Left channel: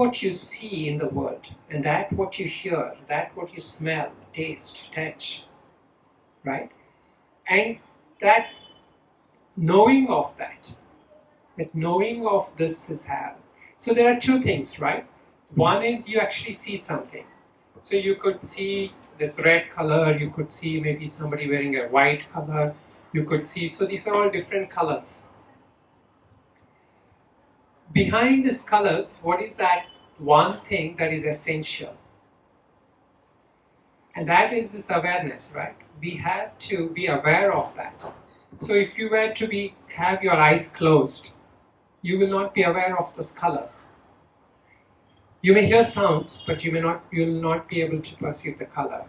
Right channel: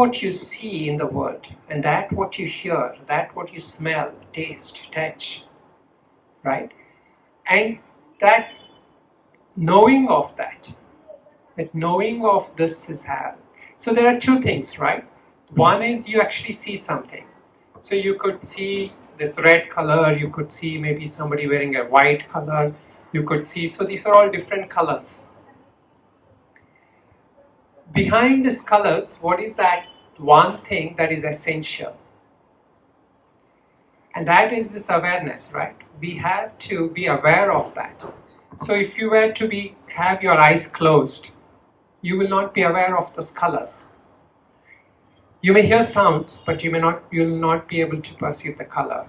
what you see in the world, and that what you hear, that what you smell, taste, touch, right? And that knowing of that knowing of this is how. So there are two things, right? One is you actually see something. So you could see this red color, you could see maybe somebody wearing a white color, you could see, so these are all different colors. Behind these colors, what is that one thing that is essential? And that is this awareness, right? We have to be aware of that. So if you were to have your eyes closed, you will not be aware of those colors. You may hear sounds, but you will not be able to perceive the color.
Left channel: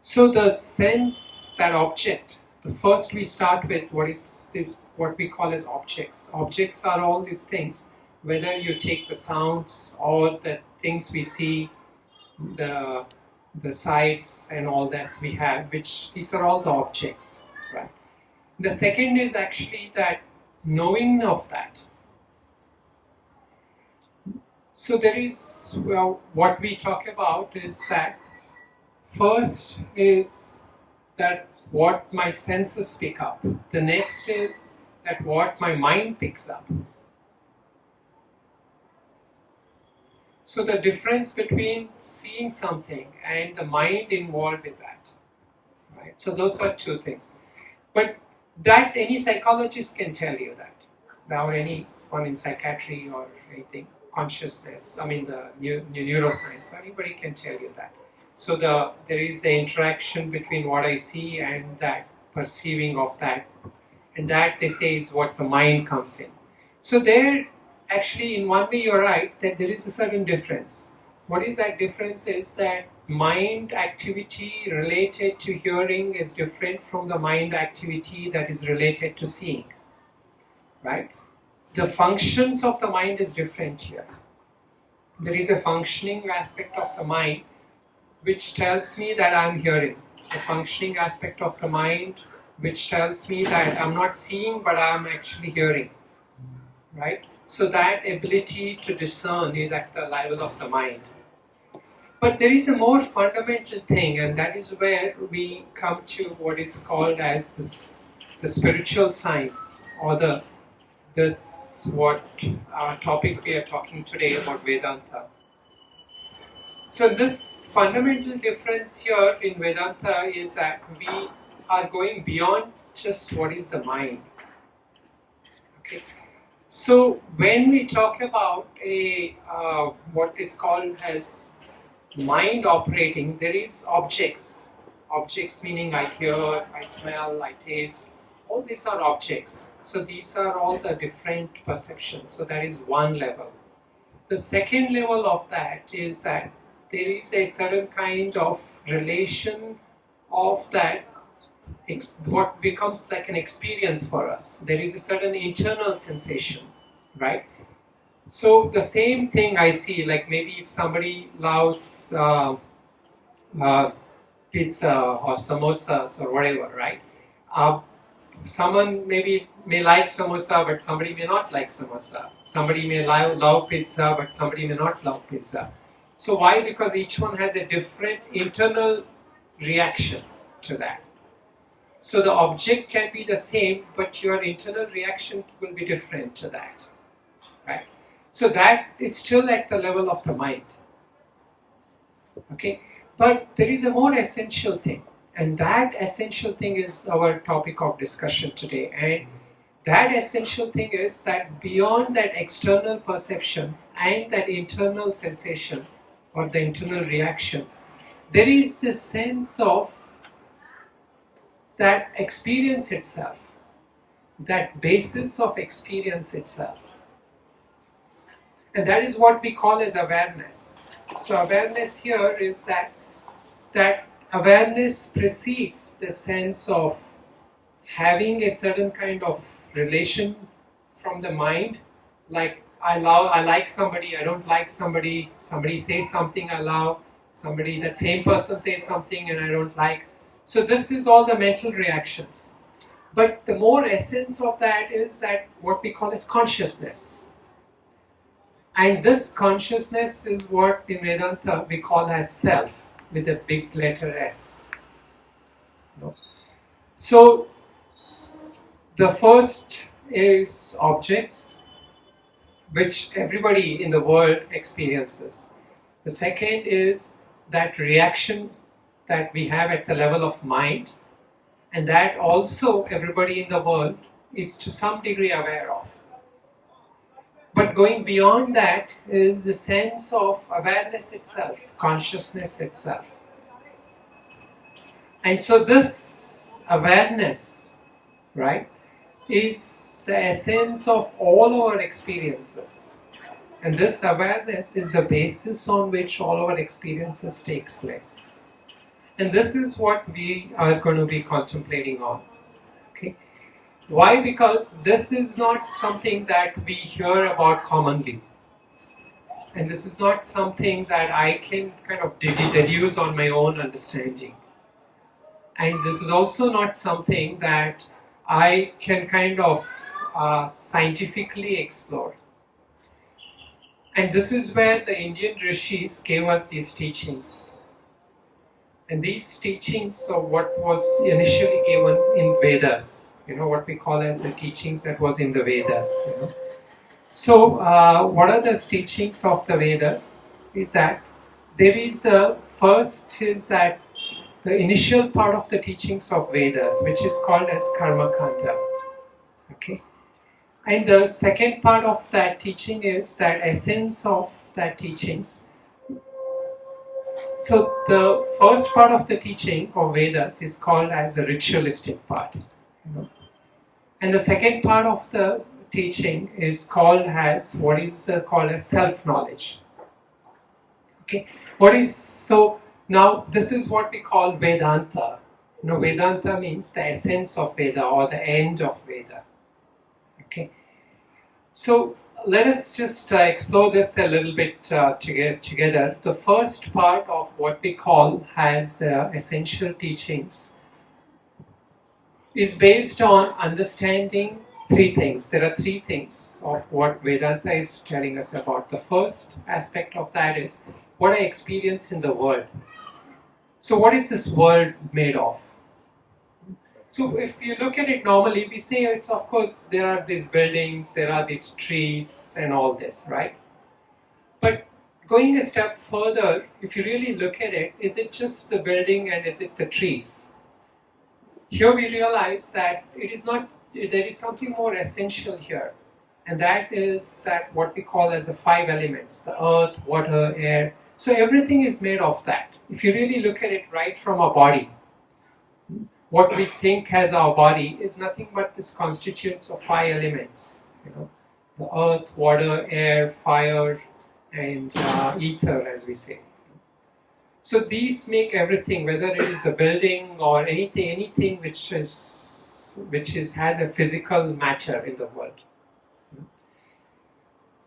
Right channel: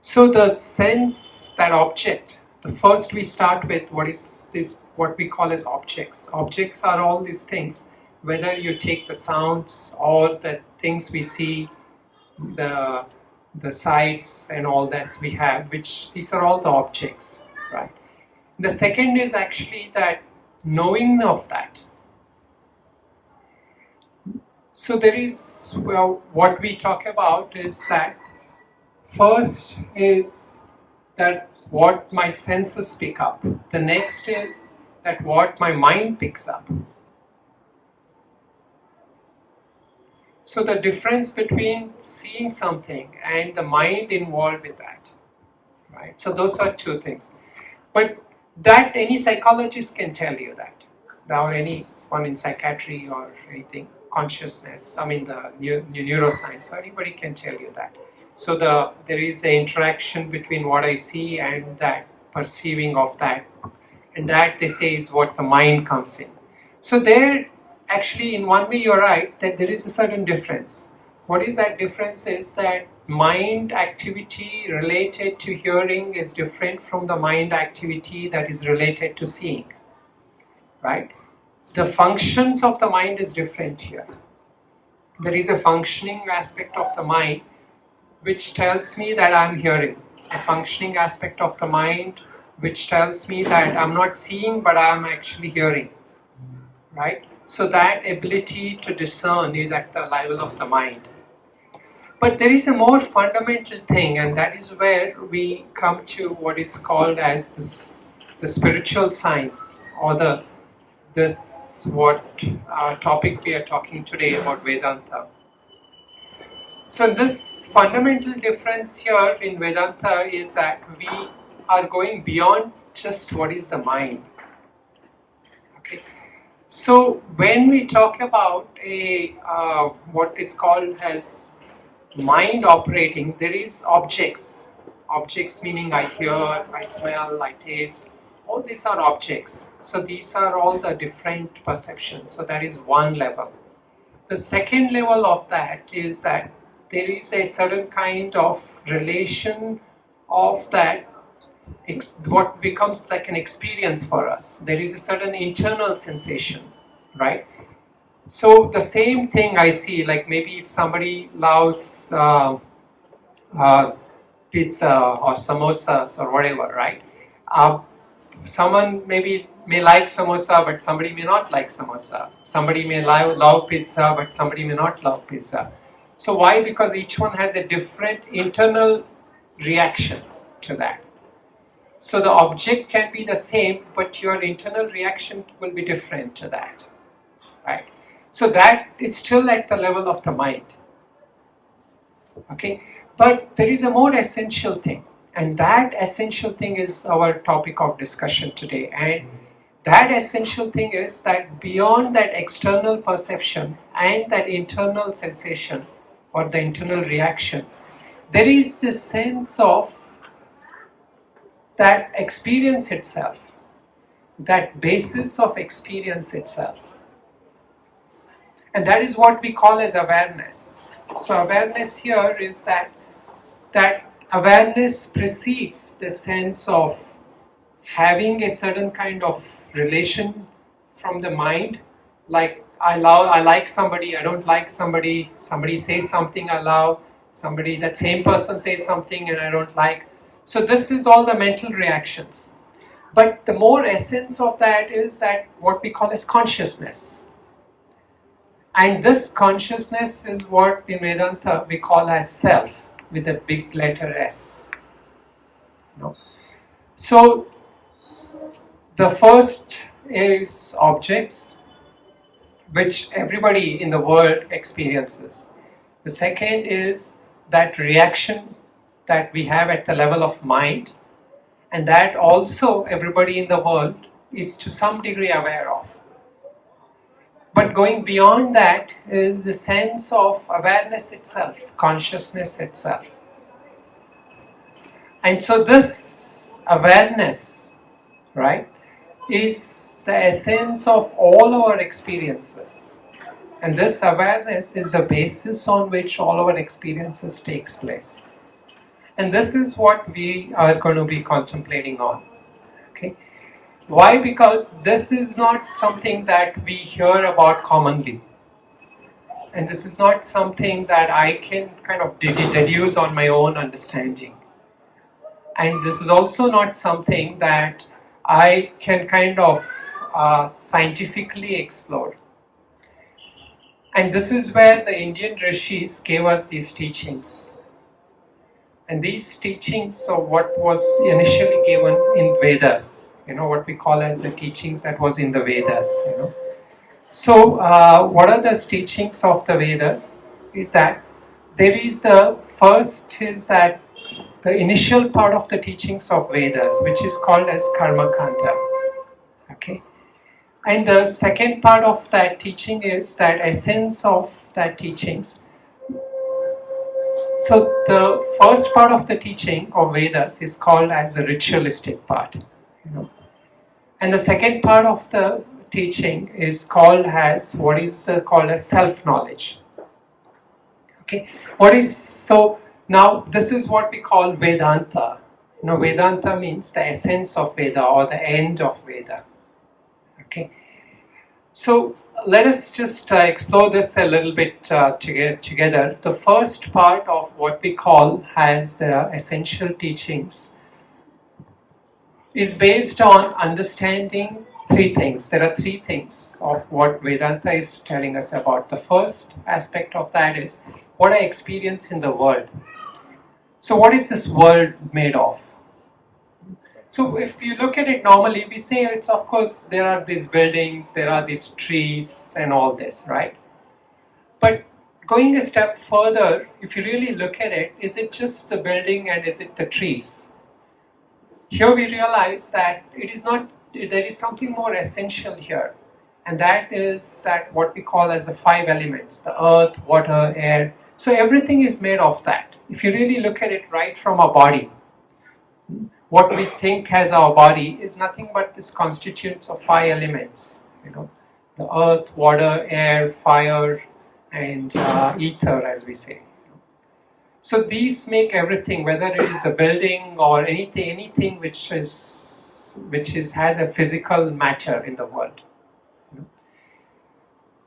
So the sense, that object, the first we start with what we call as objects. Objects are all these things, whether you take the sounds or the things we see, the sights and all that we have, which these are all the objects, right? The second is actually that knowing of that. So there is, well, what we talk about is that first is that what my senses pick up. The next is that what my mind picks up. So the difference between seeing something and the mind involved with that, right? So those are two things. But that any psychologist can tell you that, or anyone in psychiatry or anything, consciousness, I mean the neuroscience, anybody can tell you that. So there is an interaction between what I see and that perceiving of that, and that they say is what the mind comes in. So there, actually, in one way you're right that there is a certain difference. What is that difference is that mind activity related to hearing is different from the mind activity that is related to seeing, right? The functions of the mind is different here. There is a functioning aspect of the mind which tells me that I'm hearing. A functioning aspect of the mind which tells me that I'm not seeing but I'm actually hearing, right? So that ability to discern is at the level of the mind. But there is a more fundamental thing, and that is where we come to what is called as the spiritual science, or what our topic we are talking today about Vedanta. So this fundamental difference here in Vedanta is that we are going beyond just what is the mind. Okay. So when we talk about what is called as mind operating, there is objects. Objects meaning I hear, I smell, I taste. All these are objects. So these are all the different perceptions. So that is one level. The second level of that is that there is a certain kind of relation of that, what becomes like an experience for us. There is a certain internal sensation, right? So the same thing I see, like maybe if somebody loves pizza or samosas or whatever, right? Someone maybe may like samosa, but somebody may not like samosa. Somebody may love pizza, but somebody may not love pizza. So why? Because each one has a different internal reaction to that. So the object can be the same, but your internal reaction will be different to that, right? So that it's still at the level of the mind. Okay, but there is a more essential thing, and that essential thing is our topic of discussion today. And that essential thing is that beyond that external perception and that internal sensation or the internal reaction, there is a sense of that experience itself, that basis of experience itself. And that is what we call as awareness. So awareness here is that awareness precedes the sense of having a certain kind of relation from the mind, like I like somebody, I don't like somebody, somebody says something I love, that same person says something and I don't like. So this is all the mental reactions. But the more essence of that is that what we call as consciousness. And this consciousness is what in Vedanta we call as self, with a big letter S. No? So the first is objects, which everybody in the world experiences. The second is that reaction that we have at the level of mind, and that also everybody in the world is to some degree aware of. But going beyond that is the sense of awareness itself, consciousness itself. And so this awareness, right, is the essence of all our experiences. And this awareness is the basis on which all our experiences takes place. And this is what we are going to be contemplating on. Okay? Why? Because this is not something that we hear about commonly. And this is not something that I can kind of deduce on my own understanding. And this is also not something that I can kind of scientifically explore. And this is where the Indian Rishis gave us these teachings. And these teachings are what was initially given in Vedas, what we call as the teachings that was in the Vedas. So what are the teachings of the Vedas? Is that there is the first is that the initial part of the teachings of Vedas, which is called as Karma Kanda. Okay? And the second part of that teaching is that essence of that teachings. So the first part of the teaching of Vedas is called as the ritualistic part. And the second part of the teaching is called as what is called as self-knowledge. Okay? So now this is what we call Vedanta. Vedanta means the essence of Veda or the end of Veda. Okay? So let us just explore this a little bit together. The first part of what we call as the essential teachings is based on understanding three things. There are three things of what Vedanta is telling us about. The first aspect of that is what I experience in the world. So what is this world made of? So if you look at it normally, we say it's, of course, there are these buildings, there are these trees and all this, right? But going a step further, if you really look at it, is it just the building and is it the trees? Here we realize that it is not, there is something more essential here. And that is that what we call as the five elements, the earth, water, air. So everything is made of that. If you really look at it right from our body, what we think as our body is nothing but this constitutes of five elements. The earth, water, air, fire, and ether, as we say. So these make everything, whether it is a building or anything which has a physical matter in the world.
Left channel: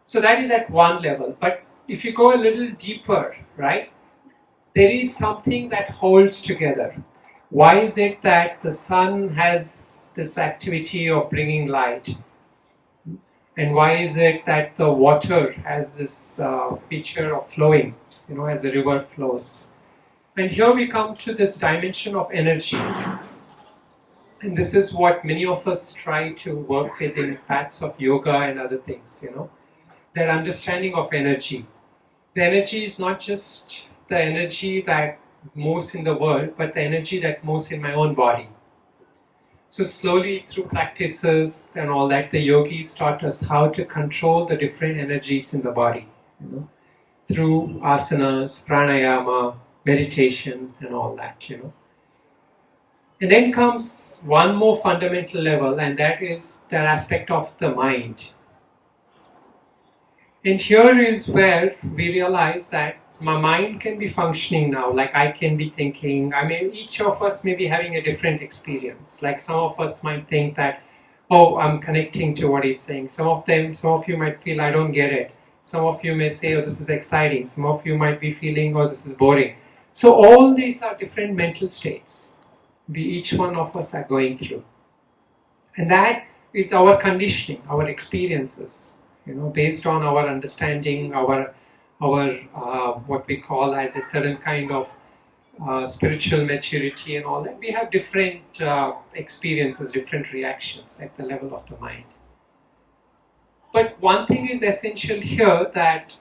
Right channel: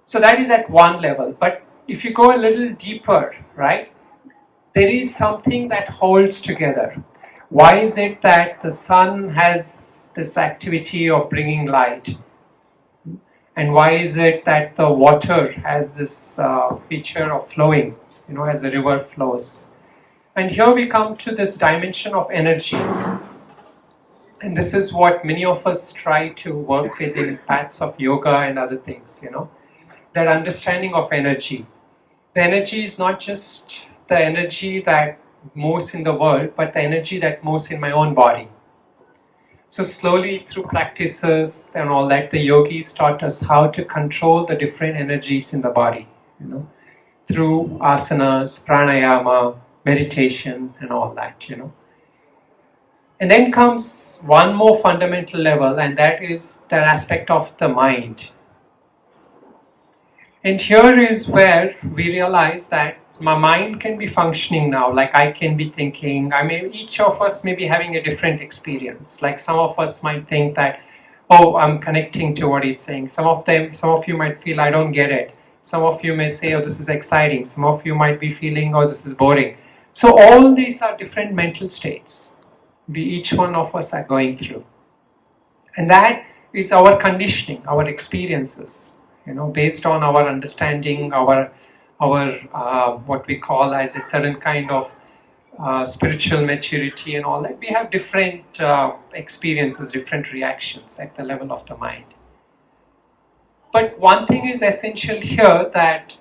So that is at one level. But if you go a little deeper, right, there is something that holds together. Why is it that the sun has this activity of bringing light? And why is it that the water has this feature of flowing, as the river flows? And here we come to this dimension of energy. And this is what many of us try to work with in paths of yoga and other things, that understanding of energy. The energy is not just the energy that moves in the world, but the energy that moves in my own body. So slowly through practices and all that, the yogis taught us how to control the different energies in the body, through asanas, pranayama, meditation and all that, And then comes one more fundamental level, and that is the aspect of the mind. And here is where we realize that my mind can be functioning now, like I can be thinking. Each of us may be having a different experience. Like some of us might think that, oh, I'm connecting to what it's saying. Some of you might feel, I don't get it. Some of you may say, oh, this is exciting. Some of you might be feeling, oh, this is boring. So all these are different mental states each one of us are going through. And that is our conditioning, our experiences, based on our understanding, our what we call as a certain kind of spiritual maturity and all that, we have different experiences, different reactions at the level of the mind. But one thing is essential here, that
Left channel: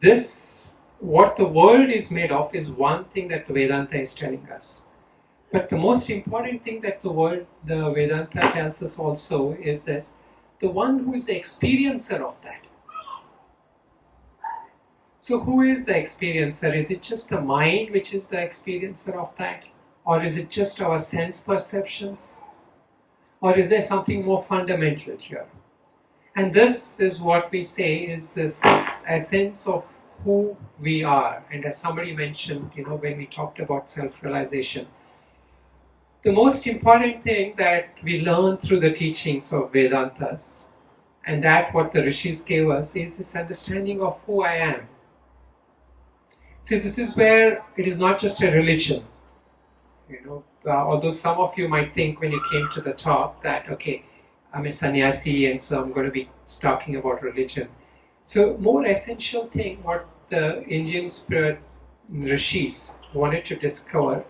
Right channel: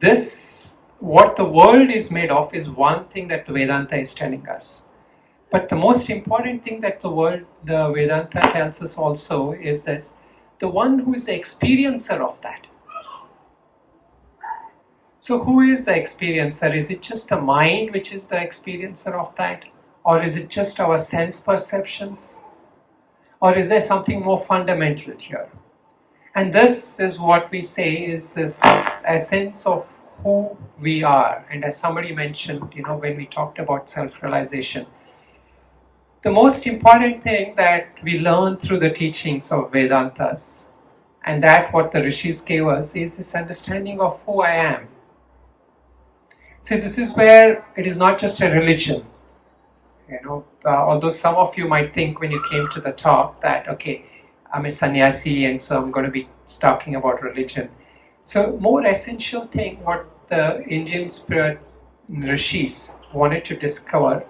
this, what the world is made of, is one thing that the Vedanta is telling us. But the most important thing that the Vedanta tells us also is this: the one who is the experiencer of that. So who is the experiencer? Is it just the mind which is the experiencer of that? Or is it just our sense perceptions? Or is there something more fundamental here? And this is what we say is this essence of who we are. And as somebody mentioned, when we talked about self-realization, the most important thing that we learn through the teachings of Vedantas, and that what the Rishis gave us, is this understanding of who I am. See, this is where it is not just a religion. Although some of you might think when you came to the talk that, okay, I'm a sannyasi and so I'm going to be talking about religion. So more essential thing what the Indian spirit Rishis wanted to discover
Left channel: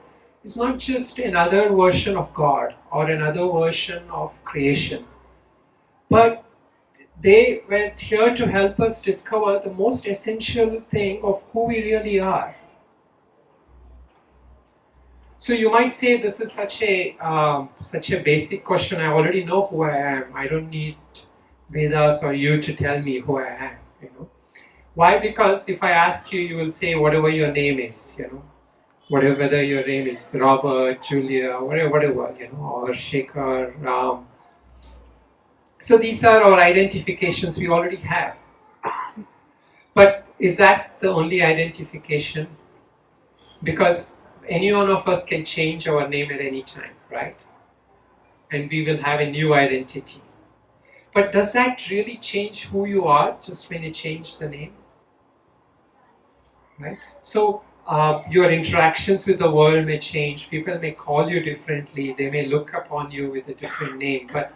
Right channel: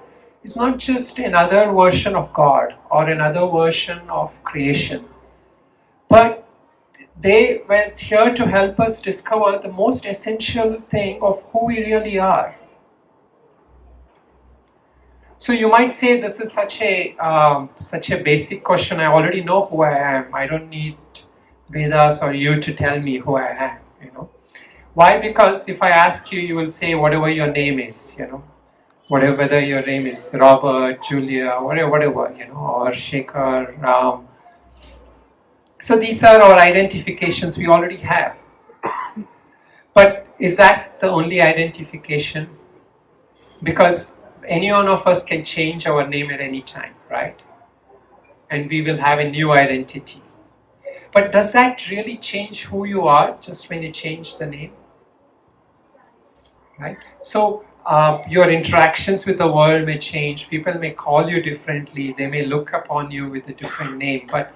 is not just another version of God or another version of creation, but they were here to help us discover the most essential thing of who we really are. So you might say this is such a basic question. I already know who I am. I don't need Vedas or you to tell me who I am. Why? Because if I ask you, you will say whatever your name is. Whether your name is Robert, Julia, whatever, or Shekhar, Ram. So these are our identifications we already have. But is that the only identification? Because any one of us can change our name at any time, right? And we will have a new identity. But does that really change who you are just when you change the name? Right? So your interactions with the world may change. People may call you differently. They may look upon you with a different name. But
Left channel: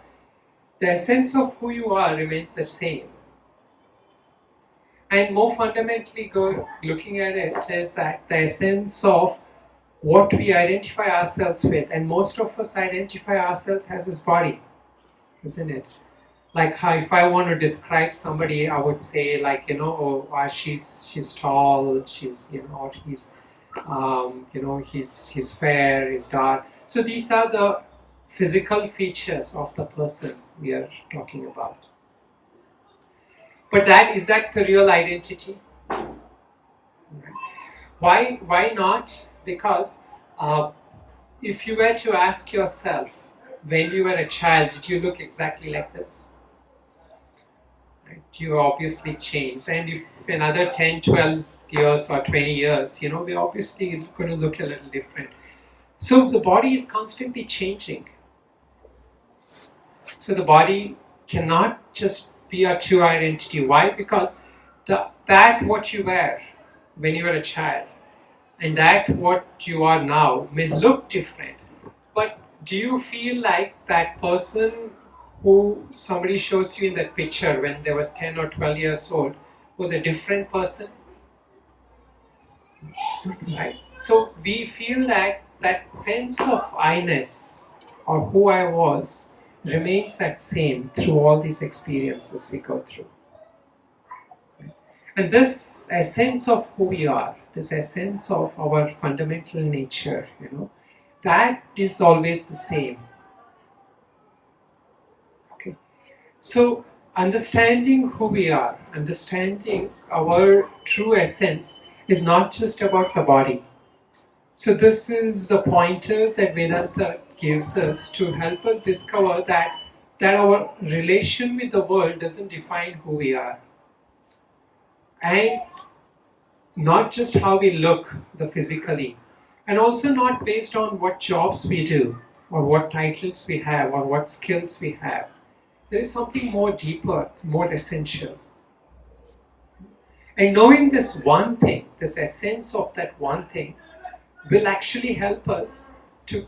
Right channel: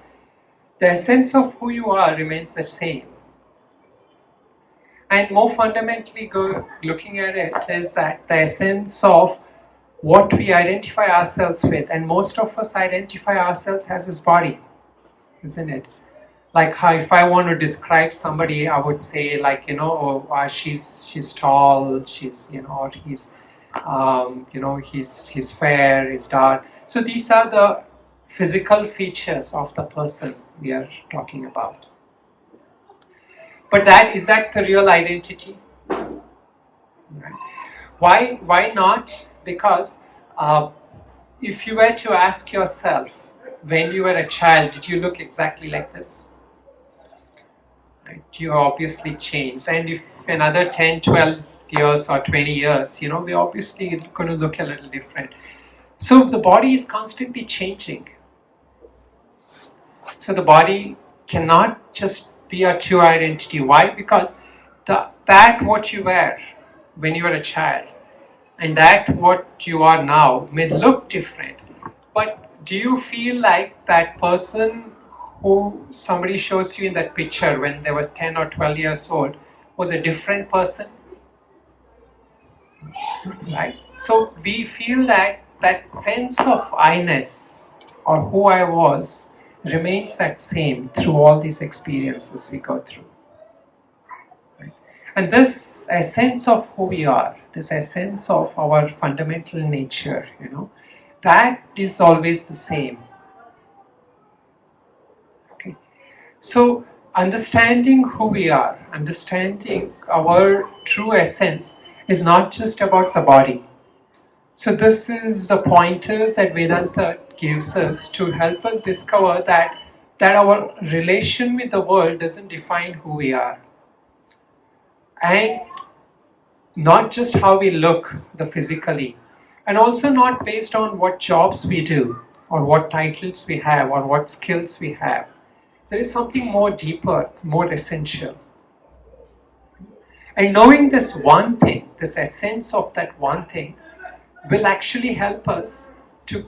the essence of who you are remains the same. And more fundamentally, looking at it, is that the essence of what we identify ourselves with, and most of us identify ourselves as this body, isn't it? Like how if I want to describe somebody, I would say she's tall, she's or he's he's fair, he's dark. So these are the physical features of the person we are talking about. But is that the real identity? Right. Why not? Because if you were to ask yourself, when you were a child, did you look exactly like this? Right? You obviously changed. And if another 10, 12 years or 20 years, we're obviously going to look a little different. So the body is constantly changing. So the body cannot just be a true identity. Why? Because that what you were when you were a child and that what you are now may look different. But do you feel like that person who somebody shows you in that picture when they were 10 or 12 years old was a different person? Right? So we feel that sense of I-ness or who I was remains that same through all these experiences we go through. Right? And this essence of who we are, this essence of our fundamental nature, that is always the same. Okay. So understanding who we are, understanding our true essence is not just about the body. So this is the pointers that Vedanta gives us to help us discover that our relation with the world doesn't define who we are. And not just how we look, the physically, and also not based on what jobs we do, or what titles we have, or what skills we have. There is something more deeper, more essential. And knowing this one thing, this essence of that one thing, will actually help us to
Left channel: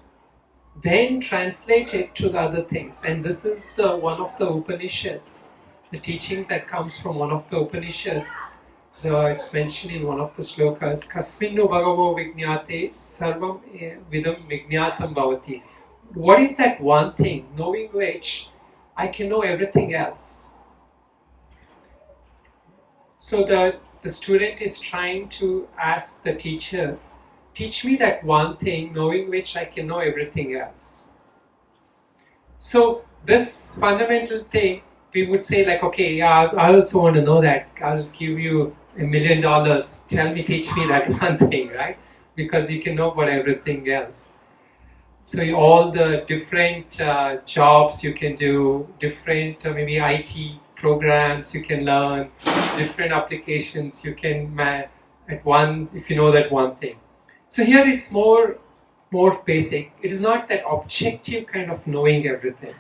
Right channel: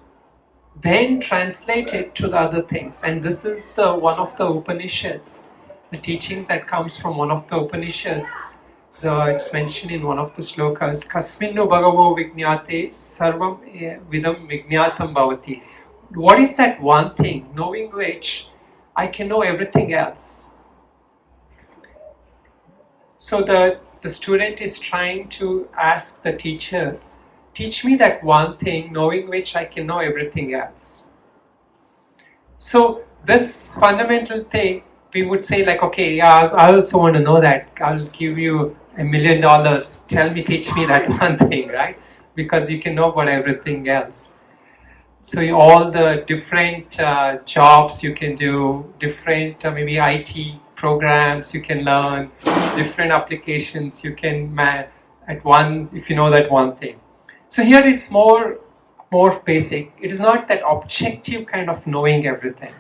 then translate it to the other things. And this is one of the Upanishads the teachings that comes from one of the Upanishads. It's mentioned in one of the slokas, Kasminnu Bhagavo Vijñate Sarvam Vidam Vijñatam Bhavati. What is that one thing, knowing which I can know everything else? So the student is trying to ask the teacher, teach me that one thing, knowing which I can know everything else. So this fundamental thing, we would say like, okay, yeah, I also want to know that. I'll give you $1 million. Tell me, teach me that one thing, right? Because you can know about everything else. So all the different jobs you can do, different maybe IT programs you can learn, different applications you can at one if you know that one thing. So here it's more basic. It is not that objective kind of knowing everything.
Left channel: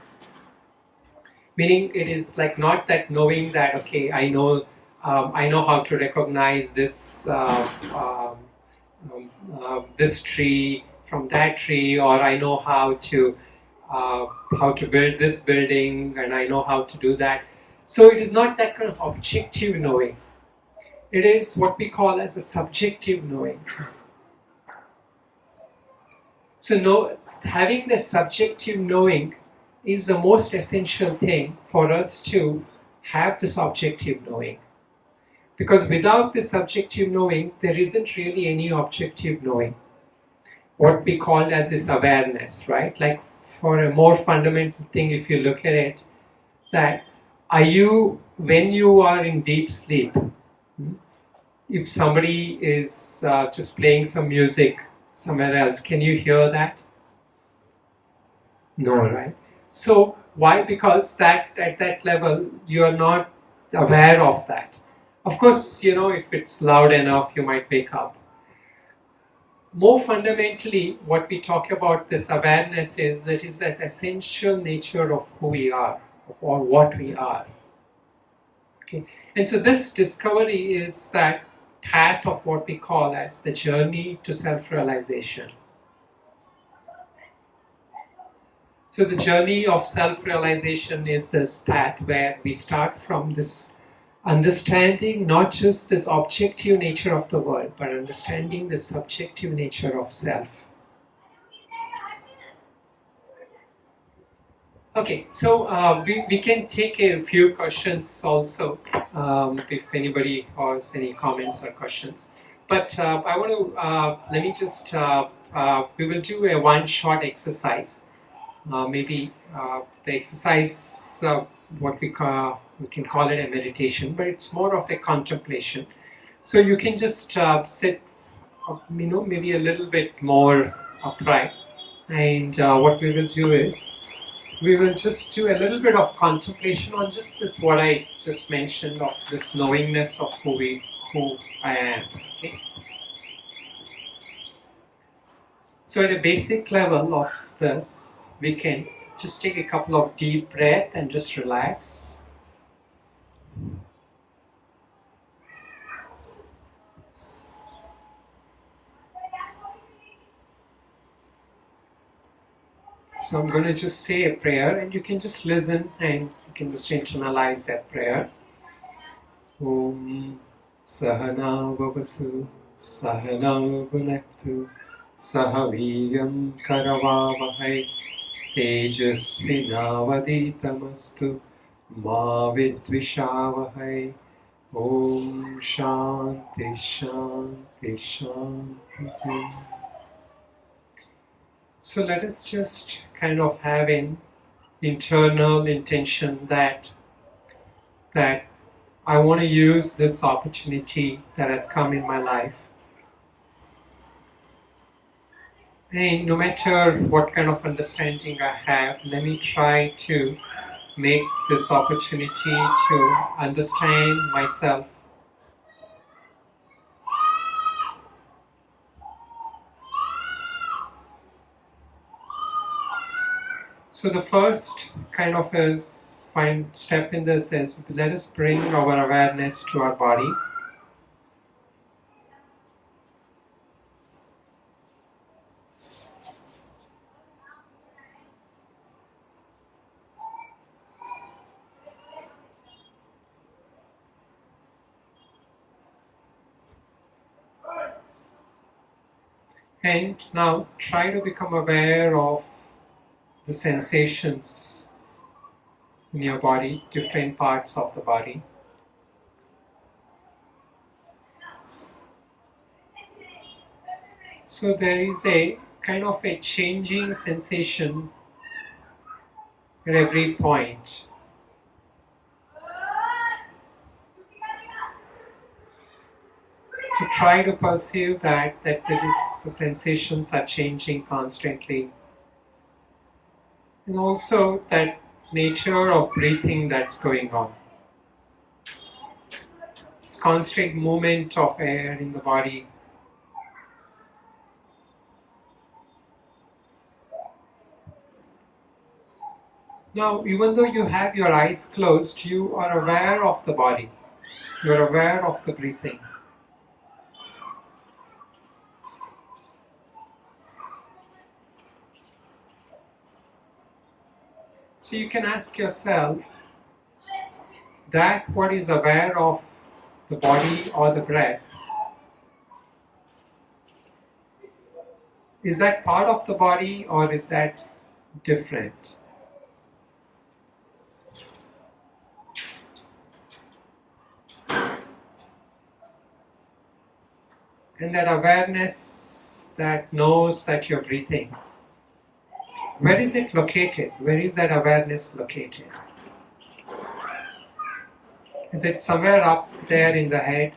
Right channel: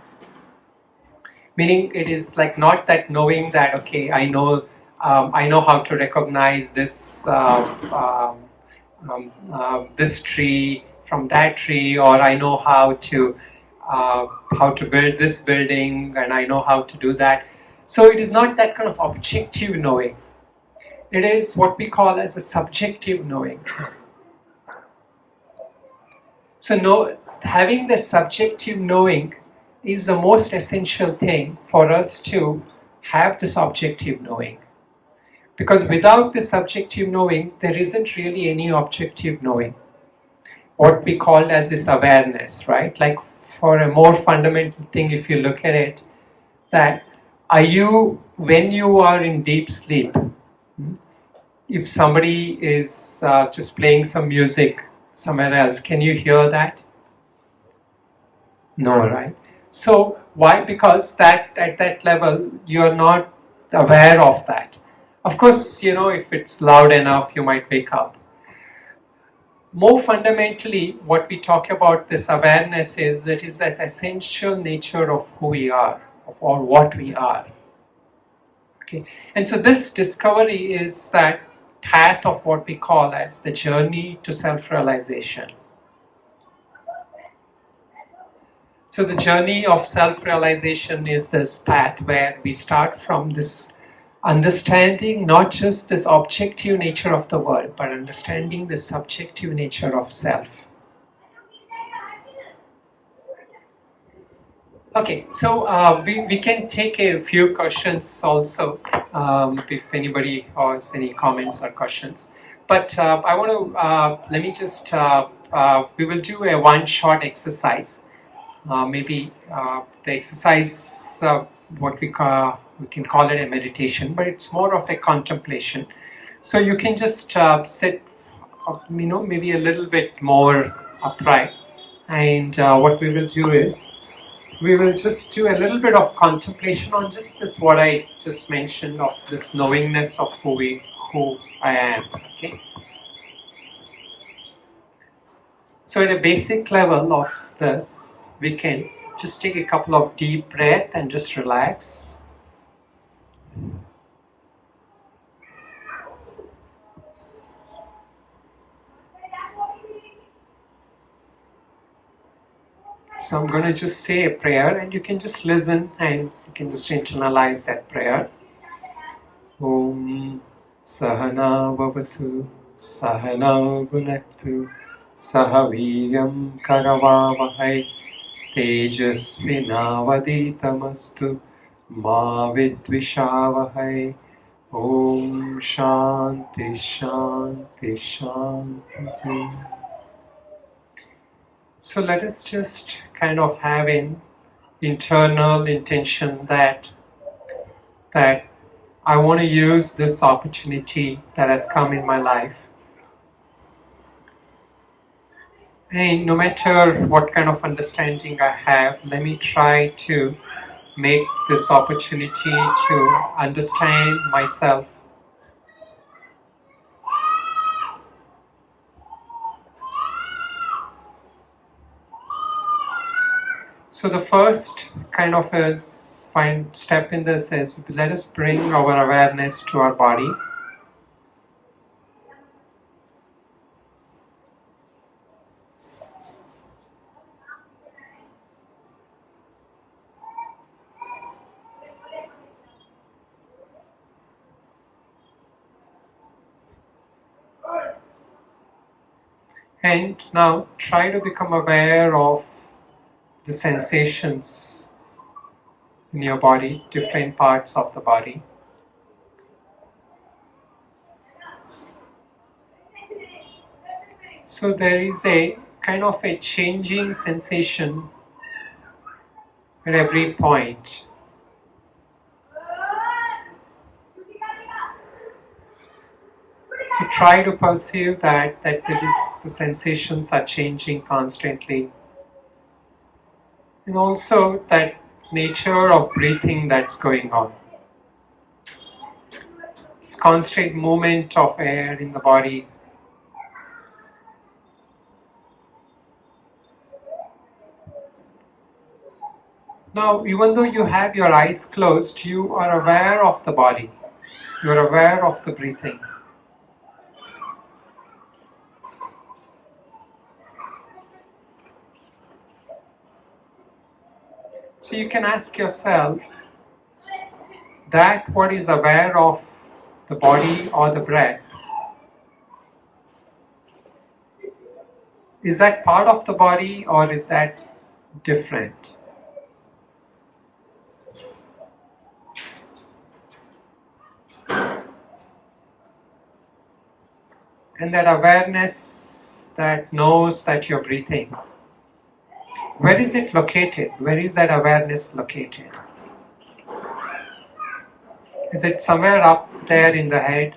Meaning it is like not that knowing that okay, I know how to recognize this tree from that tree, or I know how to build this building, and I know how to do that. So it is not that kind of objective knowing. It is what we call as a subjective knowing. So having the subjective knowing is the most essential thing for us to have this objective knowing. Because without the subjective knowing, there isn't really any objective knowing. What we call as this awareness, right? Like for a more fundamental thing, if you look at it, that when you are in deep sleep, if somebody is just playing some music somewhere else, can you hear that? No, right? So why? Because that at that level, you are not aware of that. Of course, if it's loud enough, you might wake up. More fundamentally, what we talk about this awareness is that is this essential nature of who we are, or what we are. Okay, and so this discovery is that path of what we call as the journey to self-realization. So the journey of self-realization is this path where we start from this understanding not just this objective nature of the world, but understanding the subjective nature of self. Okay, so we can take a few questions also, if anybody has any comments or questions. But I want to, let me just, we will do a one short exercise. Maybe the exercise, what we can call it a meditation, but it's more of a contemplation. So you can just sit, maybe a little bit more upright. And what we will do is, we will just do a little bit of contemplation on just this, what I just mentioned, of this knowingness of who I am. Okay. So at a basic level of this, we can just take a couple of deep breaths and just relax. So I'm going to just say a prayer, and you can just listen and you can just internalize that prayer. Om Sahana Vavatu Sahana Bhunaktu Sahaviyam Karavavahai Tejasvinavaditamastu Ma Vidvishavahai. Om Shanti Shanti Shanti. So let us just kind of have an internal intention that I want to use this opportunity that has come in my life. And no matter what kind of understanding I have, let me try to make this opportunity to understand myself. So the first kind of step in this is, let us bring our awareness to our body. And now try to become aware of the sensations in your body, different parts of the body. So there is a kind of a changing sensation at every point. So try to perceive that there is, the sensations are changing constantly. And also that nature of breathing that's going on. This constant movement of air in the body. Now, even though you have your eyes closed, you are aware of the body. You are aware of the breathing. So you can ask yourself that what is aware of the body or the breath, is that part of the body or is that different? And that awareness that knows that you're breathing, where is it located? Where is that awareness located? Is it somewhere up there in the head,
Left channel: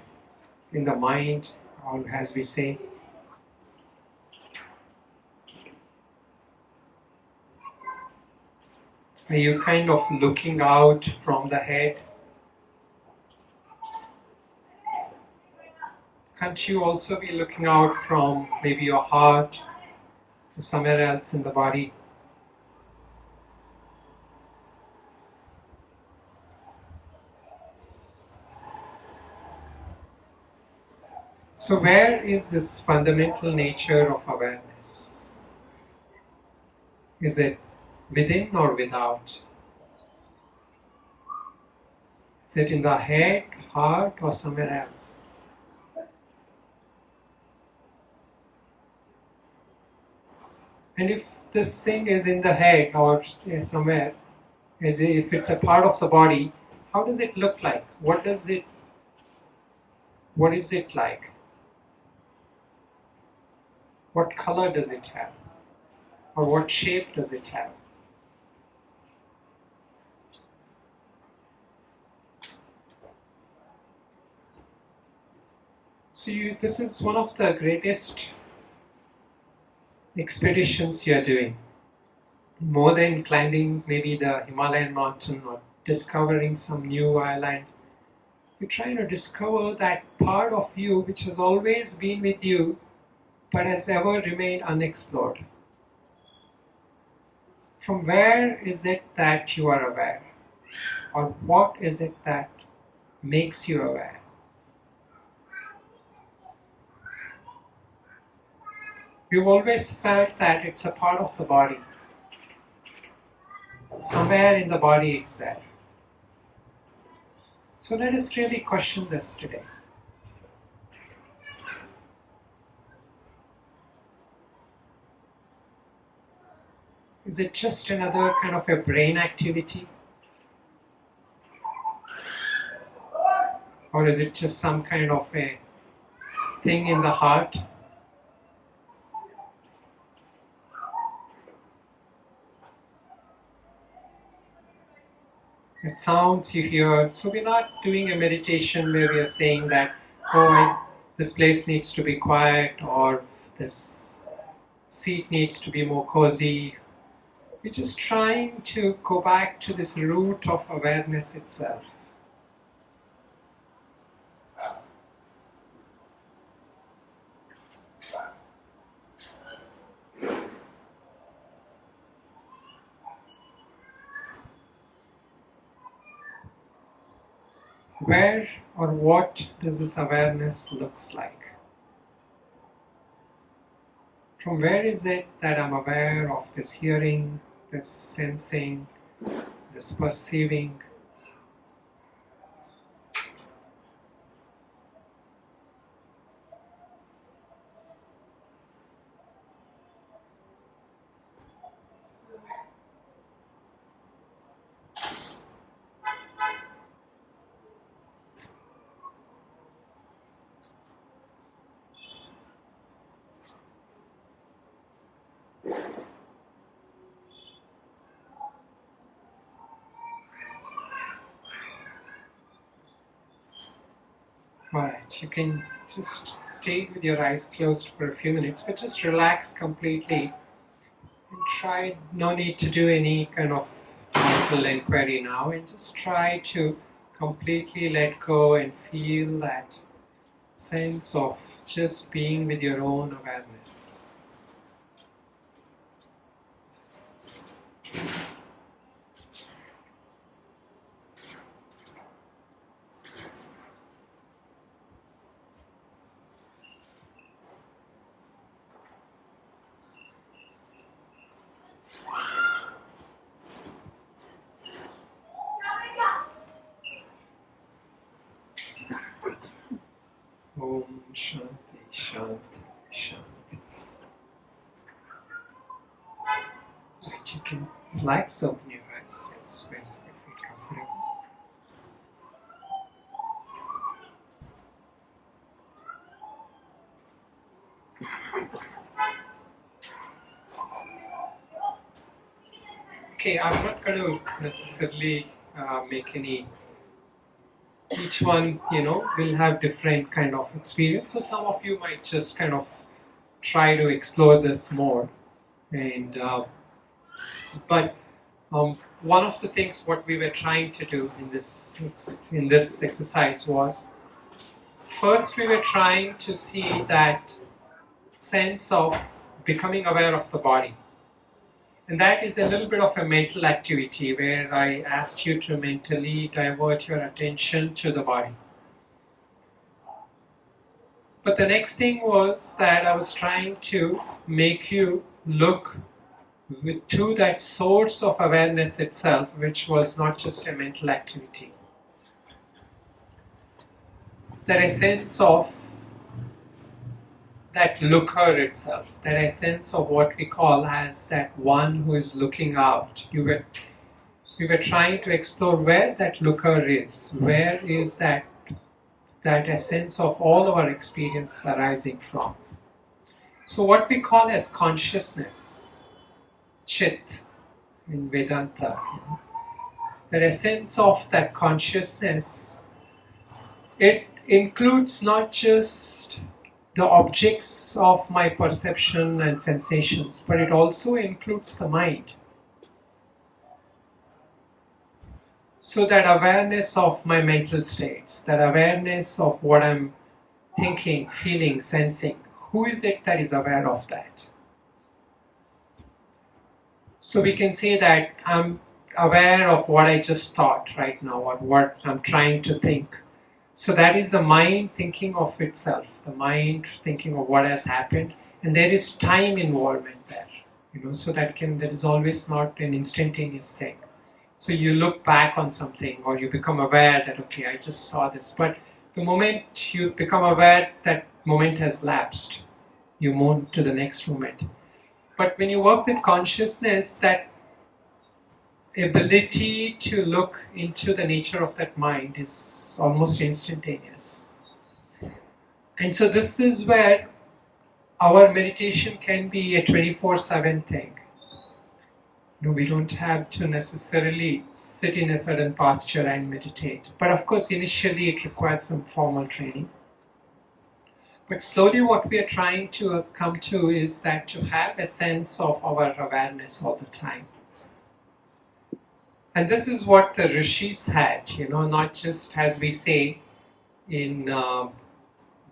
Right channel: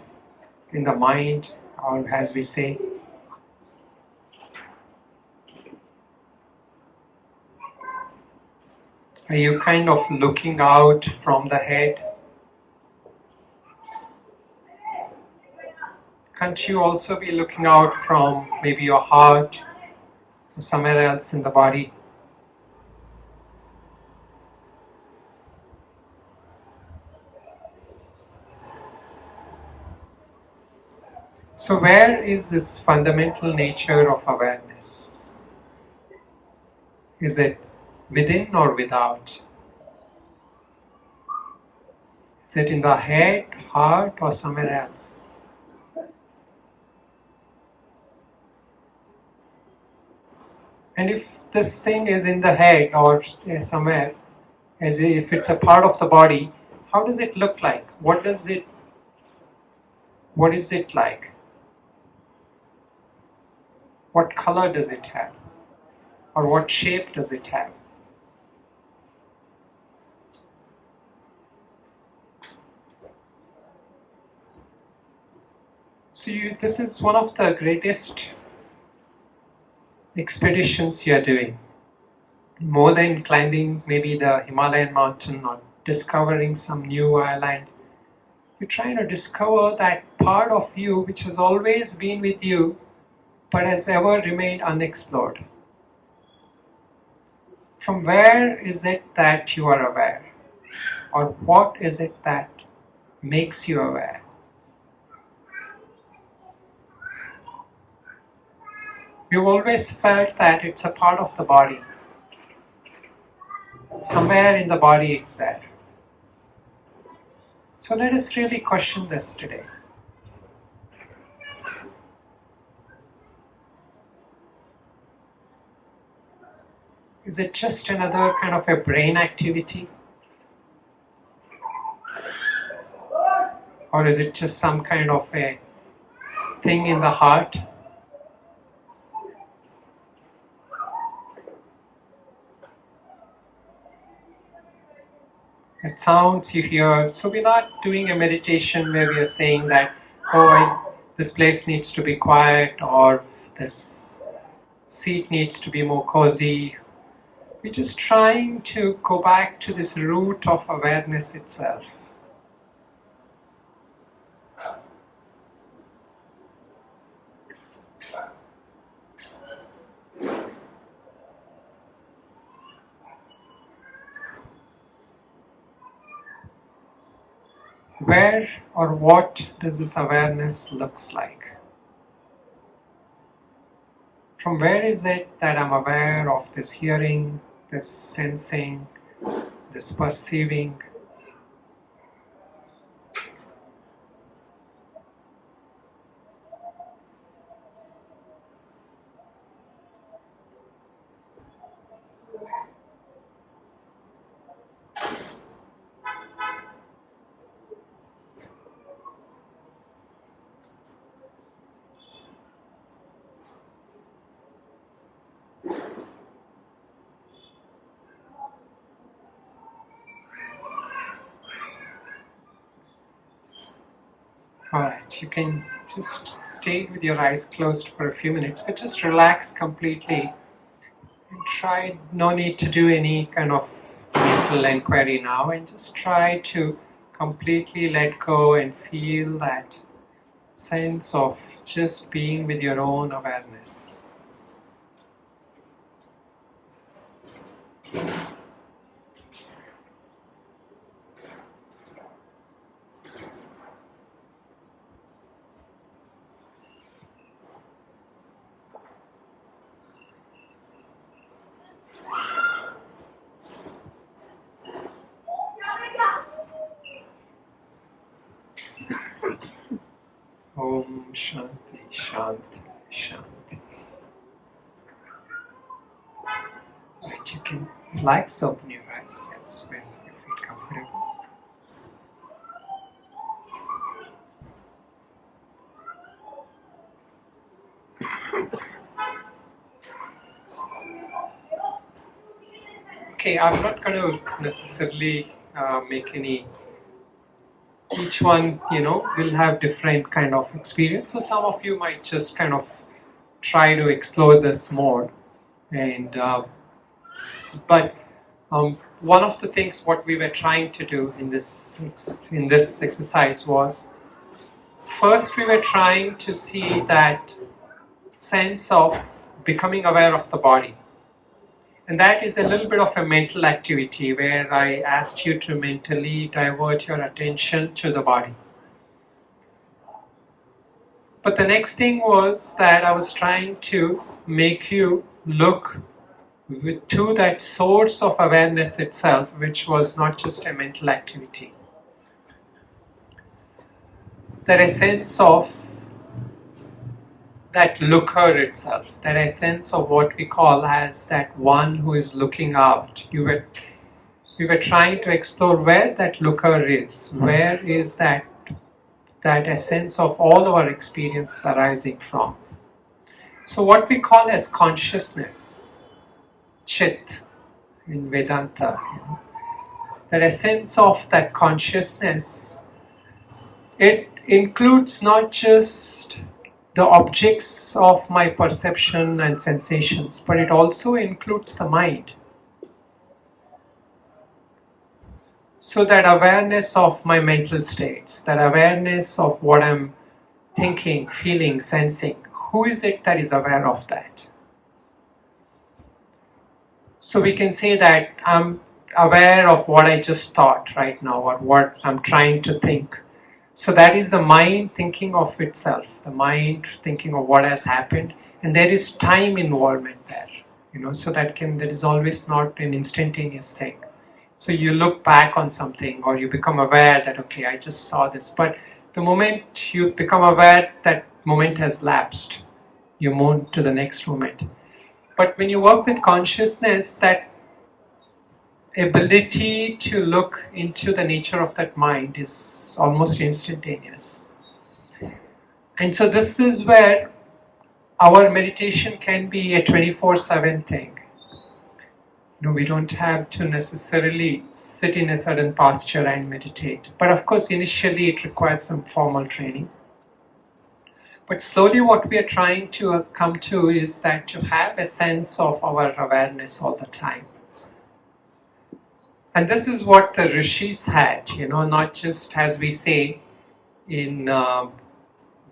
in the mind, or as we say? Are you kind of looking out from the head? Can't you also be looking out from maybe your heart or somewhere else in the body? So where is this fundamental nature of awareness? Is it within or without? Is it in the head, heart, or somewhere else? And if this thing is in the head or somewhere, as if it's a part of the body, how does it look like? What is it like? What color does it have? Or what shape does it have? So this is one of the greatest expeditions you are doing. More than climbing maybe the Himalayan mountain or discovering some new island, you're trying to discover that part of you which has always been with you but has ever remained unexplored. From where is it that you are aware? Or what is it that makes you aware? You've always felt that it's a part of the body. Somewhere in the body it's there. So let us really question this today. Is it just another kind of a brain activity? Or is it just some kind of a thing in the heart? That sounds you hear. So we're not doing a meditation where we are saying that, this place needs to be quiet or this seat needs to be more cozy. We're just trying to go back to this root of awareness itself. Where or what does this awareness looks like? From where is it that I'm aware of this hearing, this sensing, this perceiving? You can just stay with your eyes closed for a few minutes, but just relax completely and try, no need to do any kind of mental inquiry now, and just try to completely let go and feel that sense of just being with your own awareness. Om Shanti, Shanti, Shanti. Right, you can relax, open your eyes as when you feel comfortable. Okay, I'm not going to necessarily make any. Each one, will have different kind of experience. So some of you might just kind of try to explore this more, and but one of the things what we were trying to do in this exercise was, first we were trying to see that sense of becoming aware of the body. And that is a little bit of a mental activity where I asked you to mentally divert your attention to the body. But the next thing was that I was trying to make you look to that source of awareness itself, which was not just a mental activity. That essence of that looker itself, that essence of what we call as that one who is looking out. We were trying to explore where that looker is, where is that essence of all our experience arising from. So what we call as consciousness, chit in Vedanta, that essence of that consciousness, it includes not just the objects of my perception and sensations, but it also includes the mind. So that awareness of my mental states, that awareness of what I'm thinking, feeling, sensing, who is it that is aware of that? So we can say that I'm aware of what I just thought right now, or what I'm trying to think. So that is the mind thinking of itself, the mind thinking of what has happened, and there is time involvement there, so that is always not an instantaneous thing. So you look back on something, or you become aware that, okay, I just saw this, but the moment you become aware, that moment has lapsed, you move to the next moment. But when you work with consciousness, that ability to look into the nature of that mind is almost instantaneous. And so this is where our meditation can be a 24/7 thing. We don't have to necessarily sit in a certain posture and meditate. But of course, initially it requires some formal training. But slowly what we are trying to come to is that to have a sense of our awareness all the time. And this is what the Rishis had, not just, as we say, in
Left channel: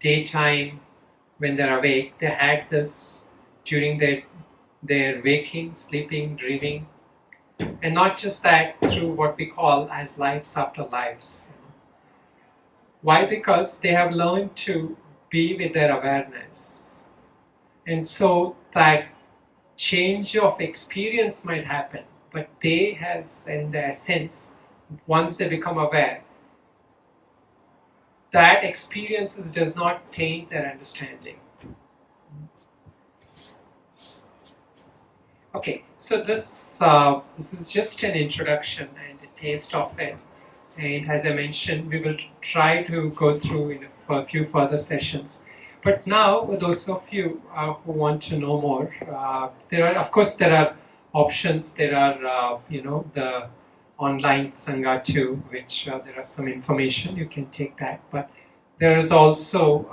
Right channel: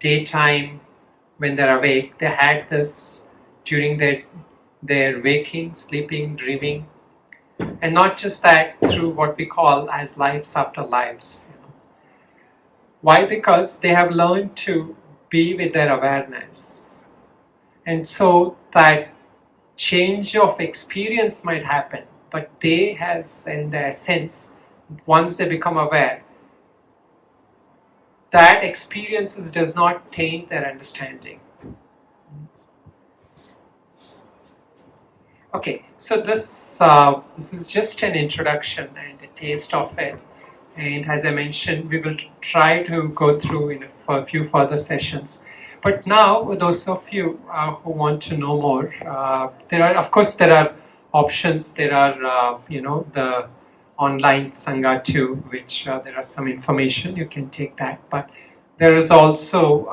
daytime when they're awake. They had this during their waking, sleeping, dreaming. And not just that, through what we call as lives after lives. Why? Because they have learned to be with their awareness. And so that change of experience might happen. But they has, in their sense, once they become aware, that experiences does not taint their understanding. Okay, so this is just an introduction and a taste of it. And as I mentioned, we will try to go through for a few further sessions. But now, those of you who want to know more, there are options. There are, the online Sangha too, which there are some information, you can take that. But There is also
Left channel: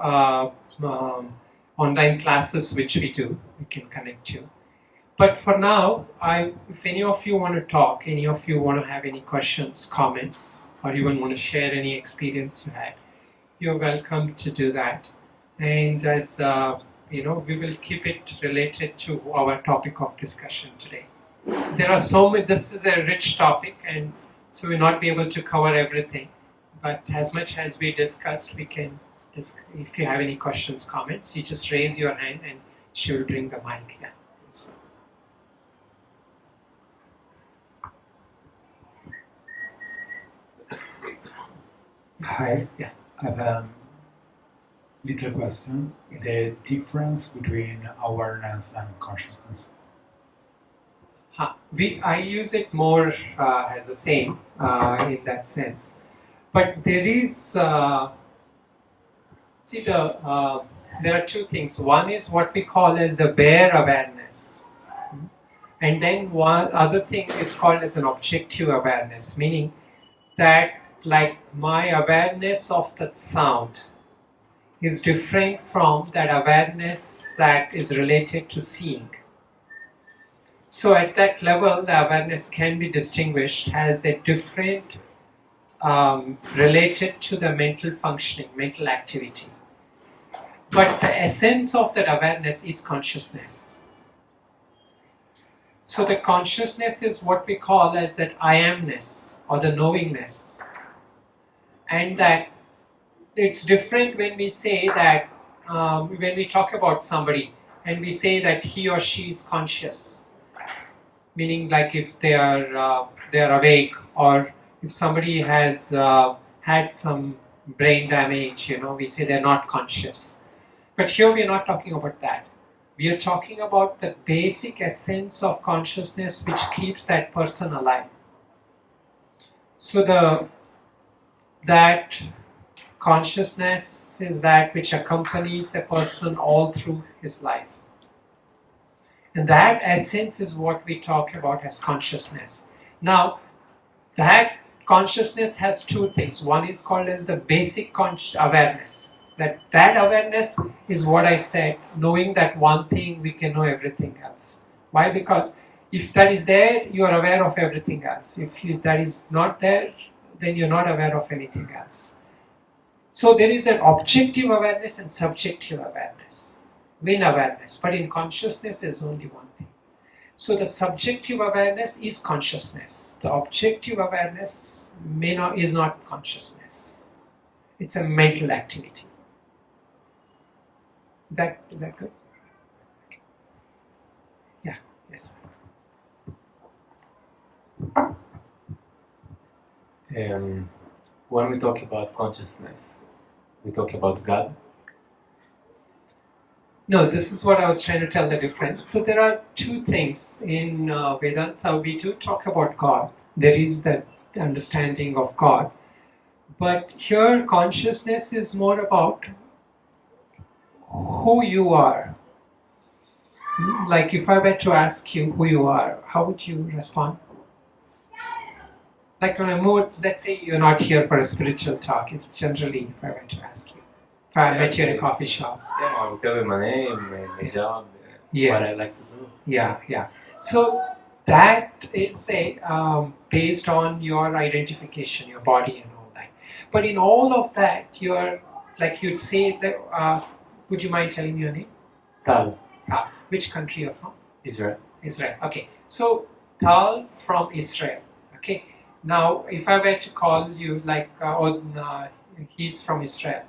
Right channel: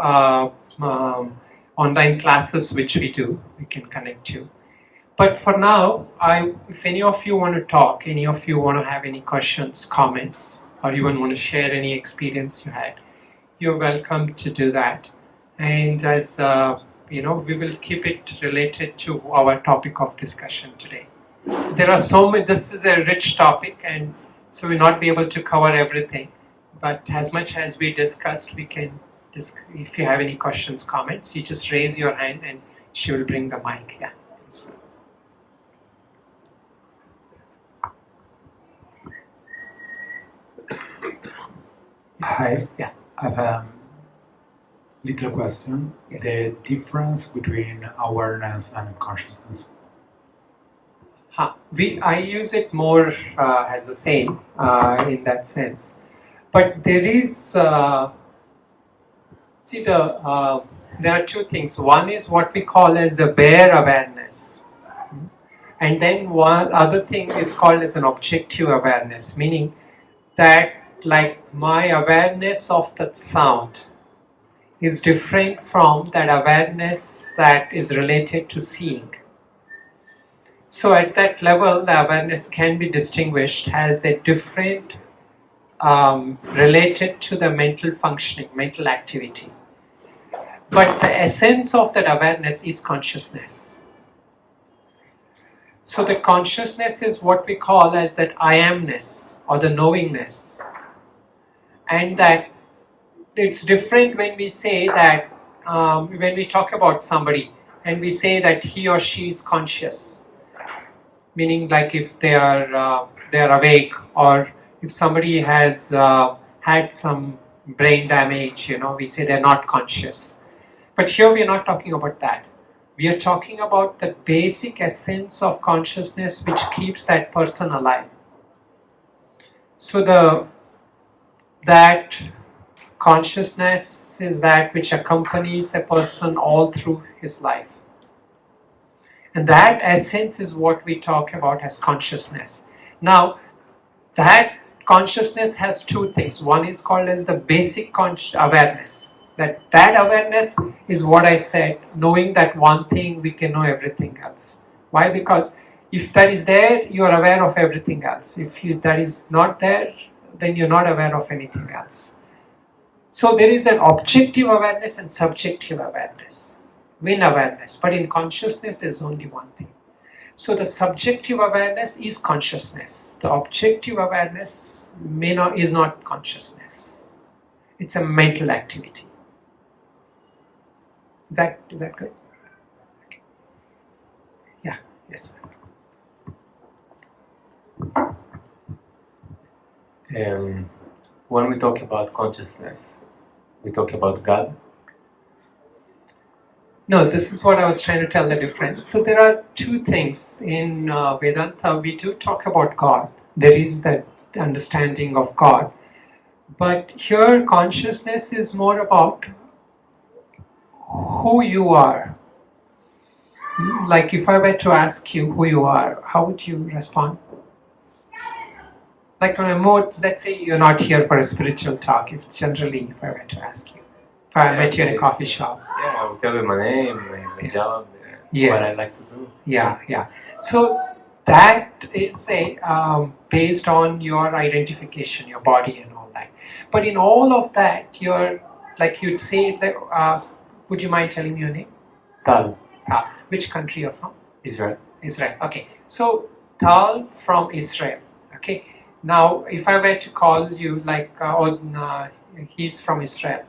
online classes which we do. We can connect you. But for now, if any of you want to talk, any of you want to have any questions, comments, or even want to share any experience you had, you're welcome to do that. And as we will keep it related to our topic of discussion today. There are so many. This is a rich topic, and so we'll not be able to cover everything. But as much as we discussed, we can. If you have any questions, comments, you just raise your hand, and she will bring the mic. Yeah. So. Hi. Yeah. I have a little question. Yes. The difference between awareness and consciousness. I use it more as the same in that sense, but there is there are two things. One is what we call as the bare awareness, and then one other thing is called as an objective awareness, meaning that like my awareness of that sound is different from that awareness that is related to seeing. So at that level, the awareness can be distinguished as a different related to the mental functioning, mental activity. But the essence of that awareness is consciousness. So the consciousness is what we call as that I amness or the knowingness. And that it's different when we say that, when we talk about somebody and we say that he or she is conscious. Meaning like if they are awake, or if somebody has had some brain damage, we say they're not conscious. But here we are not talking about that. We are talking about the basic essence of consciousness which keeps that person alive. So that consciousness is that which accompanies a person all through his life. And that essence is what we talk about as consciousness. Now, that consciousness has two things. One is called as the basic awareness. That awareness is what I said, knowing that one thing, we can know everything else. Why? Because if that is there, you are aware of everything else. If that is not there, then you're not aware of anything else. So there is an objective awareness and subjective awareness. Win awareness, but in consciousness there's only one thing. So the subjective awareness is consciousness. The objective awareness is not consciousness. It's a mental activity. Is that good? Okay. Yeah. Yes. When we talk about consciousness, we talk about God. No, this is what I was trying to tell the difference. So there are two things in Vedanta. We do talk about God. There is that understanding of God. But here consciousness is more about who you are. Like if I were to ask you who you are, how would you respond? Like on a more, let's say you're not here for a spiritual talk. If generally, if I were to ask you. If I met you in a coffee shop. Yeah, I'll tell you my name, my job, yes. What I like to do. Yeah. So that is based on your identification, your body and all that. But in all of that, you're, like you'd say, would you mind telling me your name? Tal. Tal. Which country you're from? Israel. Israel. Okay. So Tal from Israel. Okay. Now, if I were to call you like, he's from Israel.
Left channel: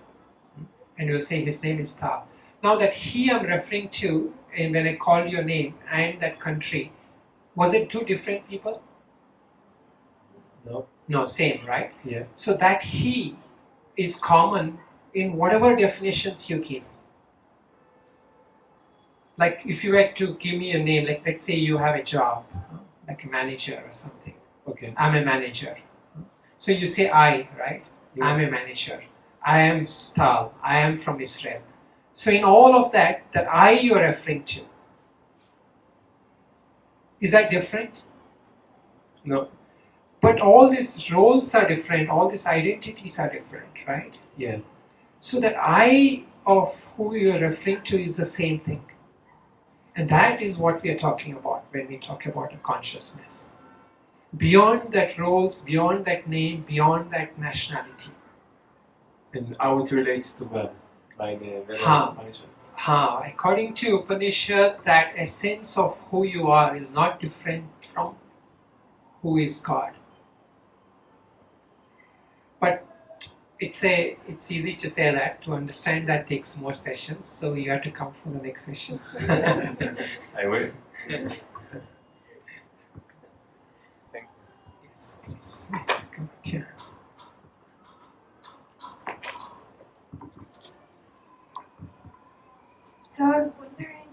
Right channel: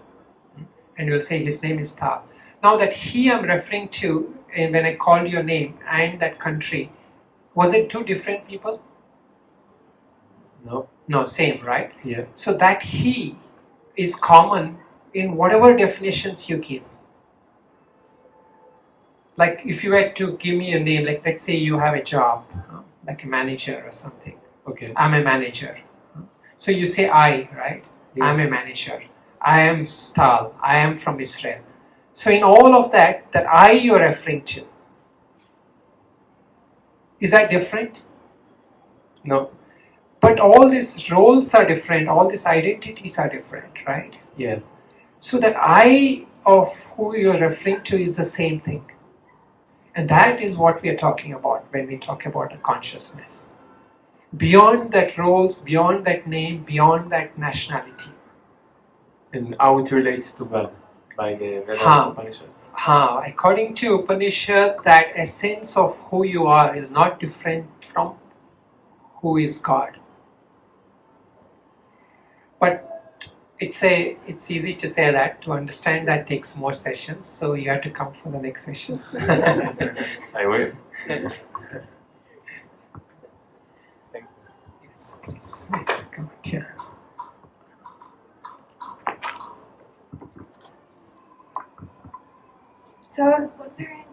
And you'll say his name is Tal. Now that he I'm referring to, and when I called your name and that country, was it two different people? No. No, same, right? Yeah. So that he is common in whatever definitions you give. Like if you were to give me a name, like let's say you have a job, like a manager or something. Okay. I'm a manager. So you say I, right? Yeah. I'm a manager. I am Tal. I am from Israel. So in all of that I you're referring to, is that different? No. But all these roles are different. All these identities are different, right? Yeah. So that I of who you're referring to is the same thing. And that is what we are talking about when we talk about a consciousness. Beyond that roles, beyond that name, beyond that nationality. And how it relates to God by the Vedas Huh. Upanishads. According to Upanishad, that essence of who you are is not different from who is God. But it's easy to say that. To understand that takes more sessions, so you have to come for the next sessions. I will. Yes, please. Come here. So I was wondering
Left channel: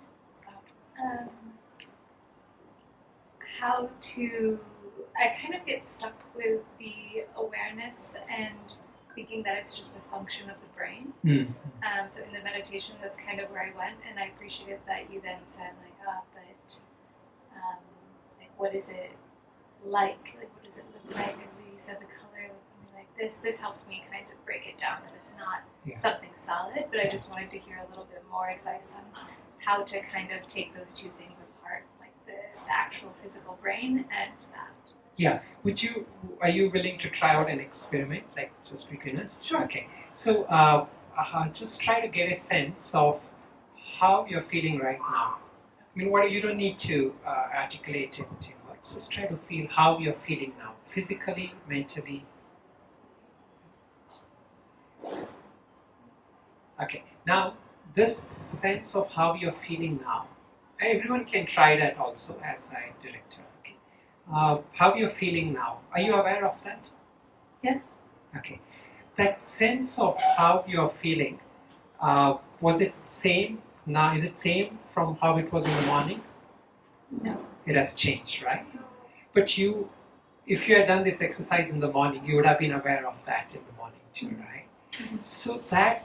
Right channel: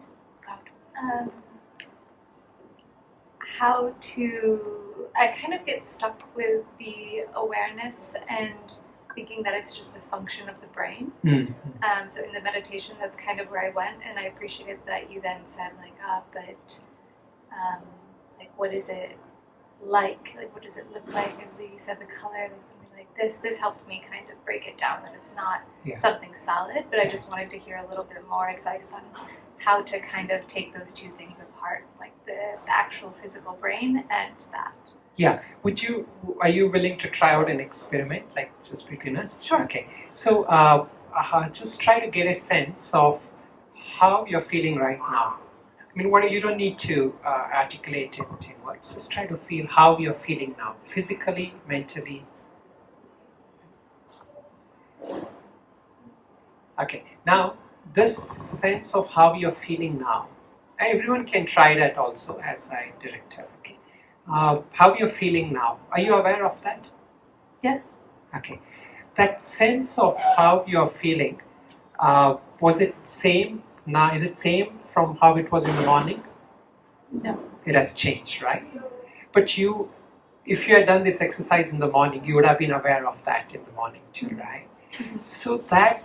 how to. I kind of get stuck with the awareness and thinking that it's just a function of the brain. So in the meditation, that's kind of where I went, and I appreciated that you then said but like what is it like? Like what does it look like? And you said the color, like something like this. This helped me kind of break it down that it's not something solid, but I just wanted to hear a little bit more advice on how to kind of take those two things apart, like the actual physical brain and that. Yeah. Are you willing to try out an experiment, like just between us? Sure. Okay. So just try to get a sense of how you're feeling right now. I mean, you don't need to articulate it in words. Just try to feel how you're feeling now, physically, mentally. Okay. Now, this sense of how you're feeling now, everyone can try that also as I director. Okay. How you're feeling now. Are you aware of that? Yes. Okay. That sense of how you're feeling, was it same now? Is it same from how it was in the morning? No. It has changed, right? But if you had done this exercise in the morning, you would have been aware of that in the morning too, right? So that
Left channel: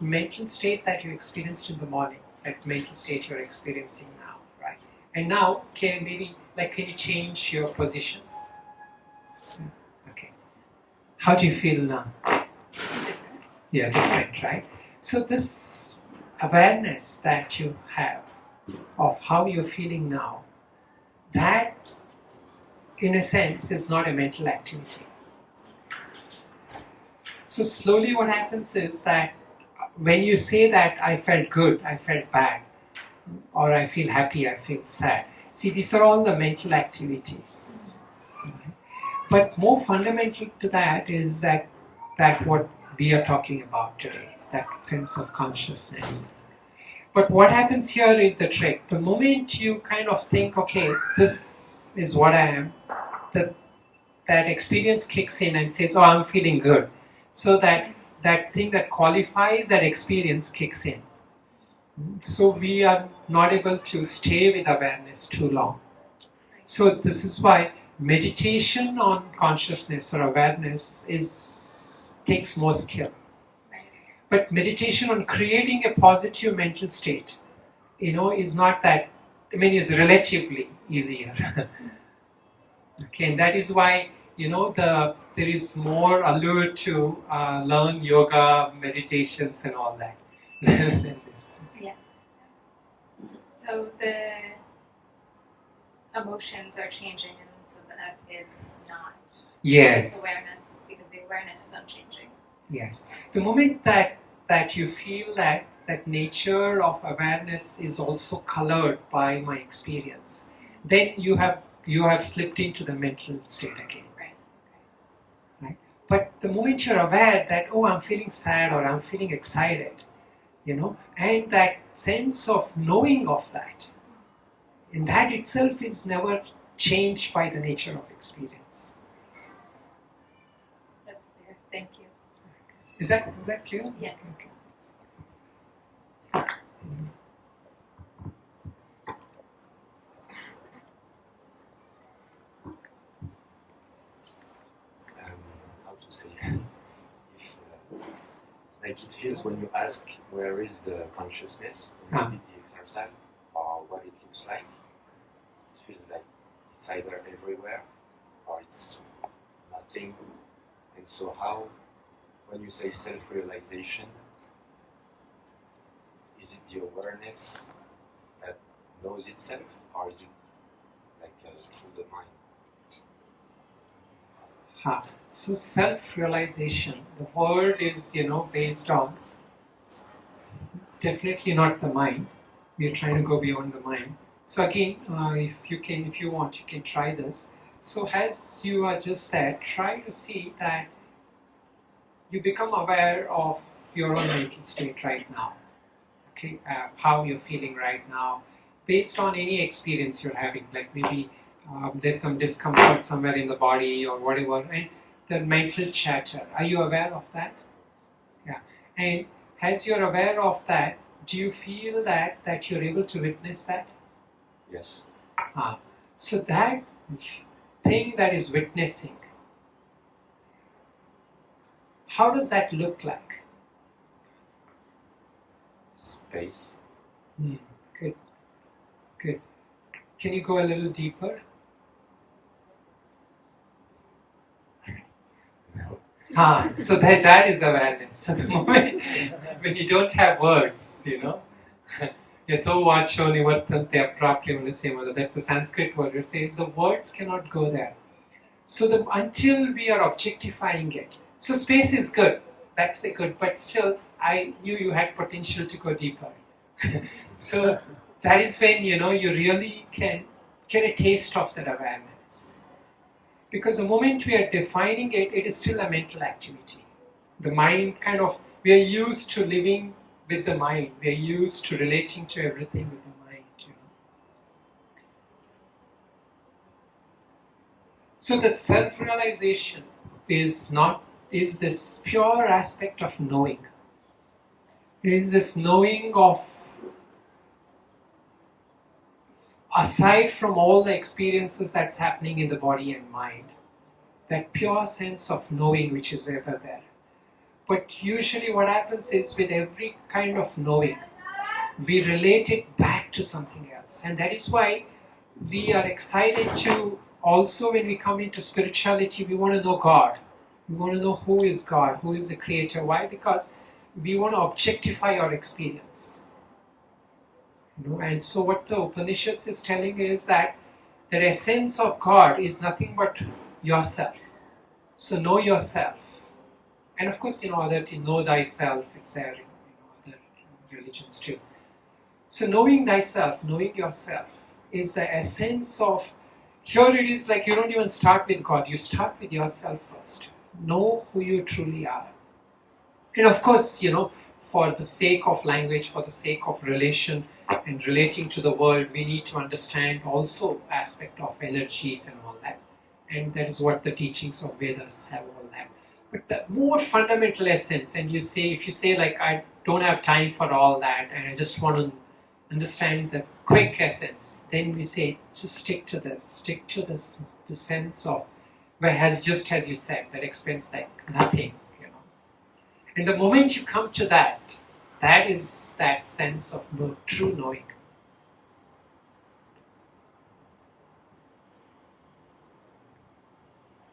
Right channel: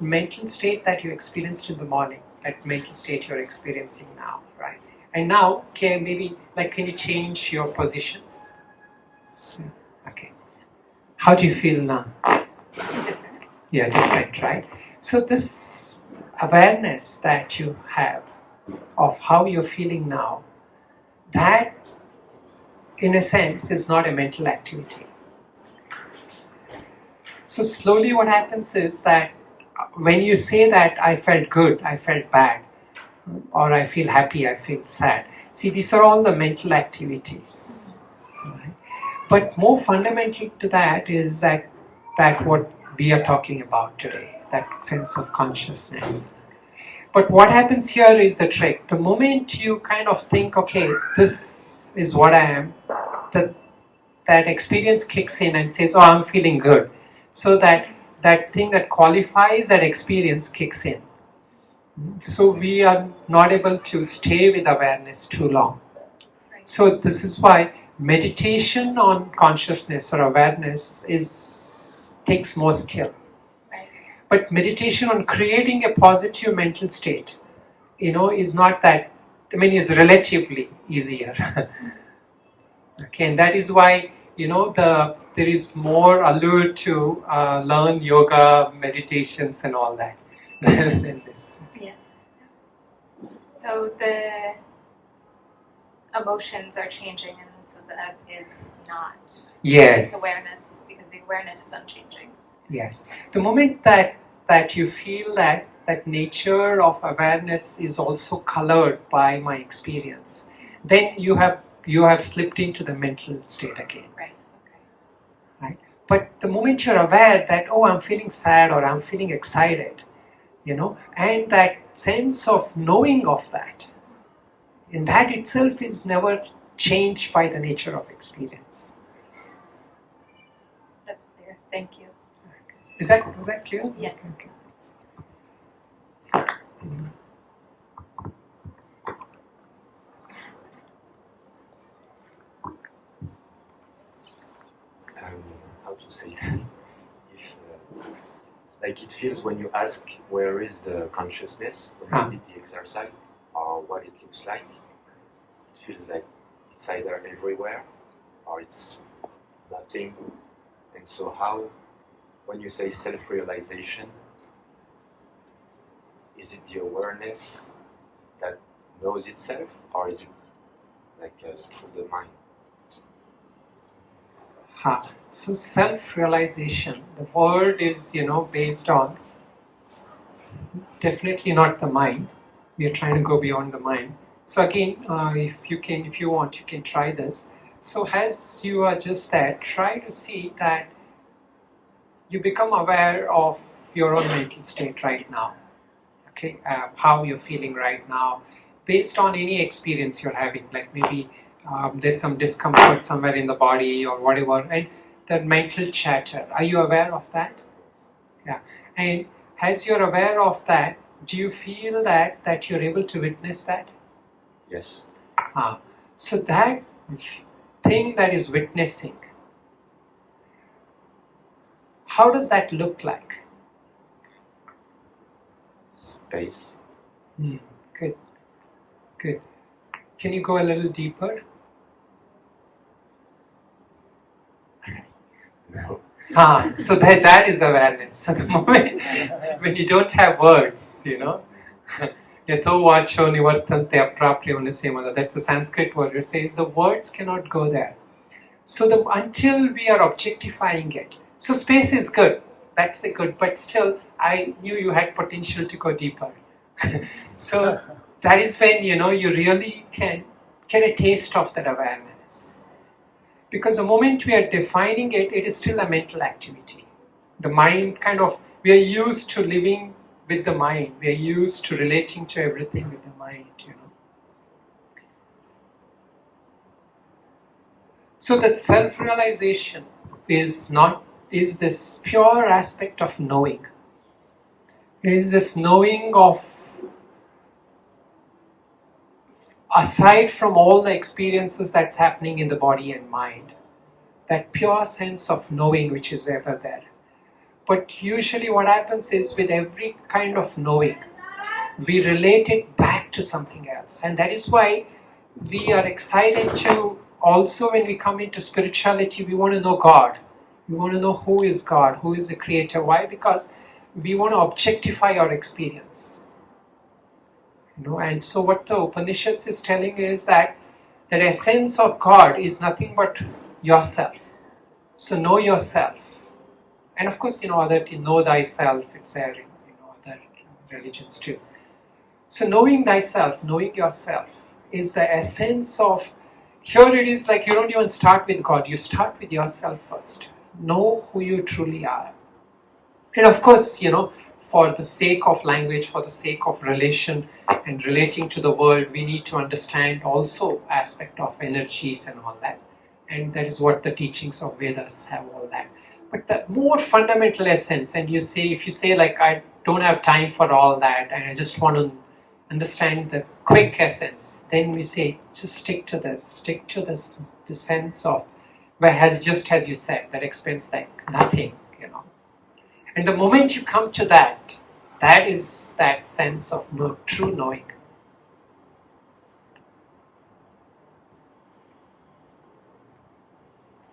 mental state that you experienced in the morning, that mental state you're experiencing now, right? And now, can you change your position? Okay. How do you feel now? Different. Yeah, different, right? So this awareness that you have of how you're feeling now, that in a sense is not a mental activity. So slowly what happens is that when you say that I felt good, I felt bad, or I feel happy, I feel sad. See, these are all the mental activities. Right? But more fundamental to that is that what we are talking about today, that sense of consciousness. But what happens here is the trick. The moment you kind of think, okay, this is what I am, that experience kicks in and says, oh, I'm feeling good. So that thing that qualifies that experience kicks in. So we are not able to stay with awareness too long. So this is why meditation on consciousness or awareness takes more skill. But meditation on creating a positive mental state, is not that, is relatively easier. Okay, and that is why, there is more allure to learn yoga, meditations and all that than this. Yes. So the emotions are changing, and so that is not Yes. awareness, because the awareness is unchanging. Yes. The moment that you feel that nature of awareness is also colored by my experience, then you have slipped into the mental state again. Right. Right? But the moment you're aware that, oh, I'm feeling sad or I'm feeling excited, and that sense of knowing of that, and that itself is never changed by the nature of experience. That's clear. Thank you. Was that clear? Yes. Okay. How to say? If, like it feels when you ask where is the consciousness when you did the exercise, or what it looks like. It feels like it's either everywhere or it's nothing. And so how, when you say self-realization, is it the awareness that knows itself, or is it like through the mind? So self-realization, the word is, based on definitely not the mind. We are trying to go beyond the mind. So again, if you want, you can try this. So as you are just there, try to see that you become aware of your own mental state right now. Okay, how you're feeling right now, based on any experience you're having. Like maybe there's some discomfort somewhere in the body or whatever, and the mental chatter. Are you aware of that? Yeah. And as you're aware of that, do you feel that you're able to witness that? Yes. So that thing that is witnessing, how does that look like? Space. Good. Good. Can you go a little deeper? No. So that is awareness. So the moment when you don't have words, yato vacho nivartante aprapryo nasemada, that's a Sanskrit word. It says the words cannot go there. So until we are objectifying it. So space is good. That's a good, but still I knew you had potential to go deeper. So that is when you really can get a taste of that awareness. Because the moment we are defining it, it is still a mental activity. The mind we are used to living with the mind. We are used to relating to everything with the mind, So that self-realization is this pure aspect of knowing. It is this knowing of, aside from all the experiences that's happening in the body and mind, that pure sense of knowing which is ever there. But usually what happens is with every kind of knowing, we relate it back to something else. And that is why we are excited to, also when we come into spirituality, we want to know God. We want to know who is God, who is the creator. Why? Because we want to objectify our experience. And so what the Upanishads is telling is that the essence of God is nothing but yourself. So know yourself. And of course, know thyself, it's there in other religions too. So knowing thyself, knowing yourself is the essence of, here it is like you don't even start with God, you start with yourself first. Know who you truly are. And of course, for the sake of language, for the sake of relation and relating to the world, we need to understand also aspect of energies and all that. And that is what the teachings of Vedas have, all that. But the more fundamental essence, and if you say like, I don't have time for all that and I just want to understand the quick essence, then we say, just stick to this, the sense of, just as you said, that explains like nothing, And the moment you come to that is that sense of true knowing.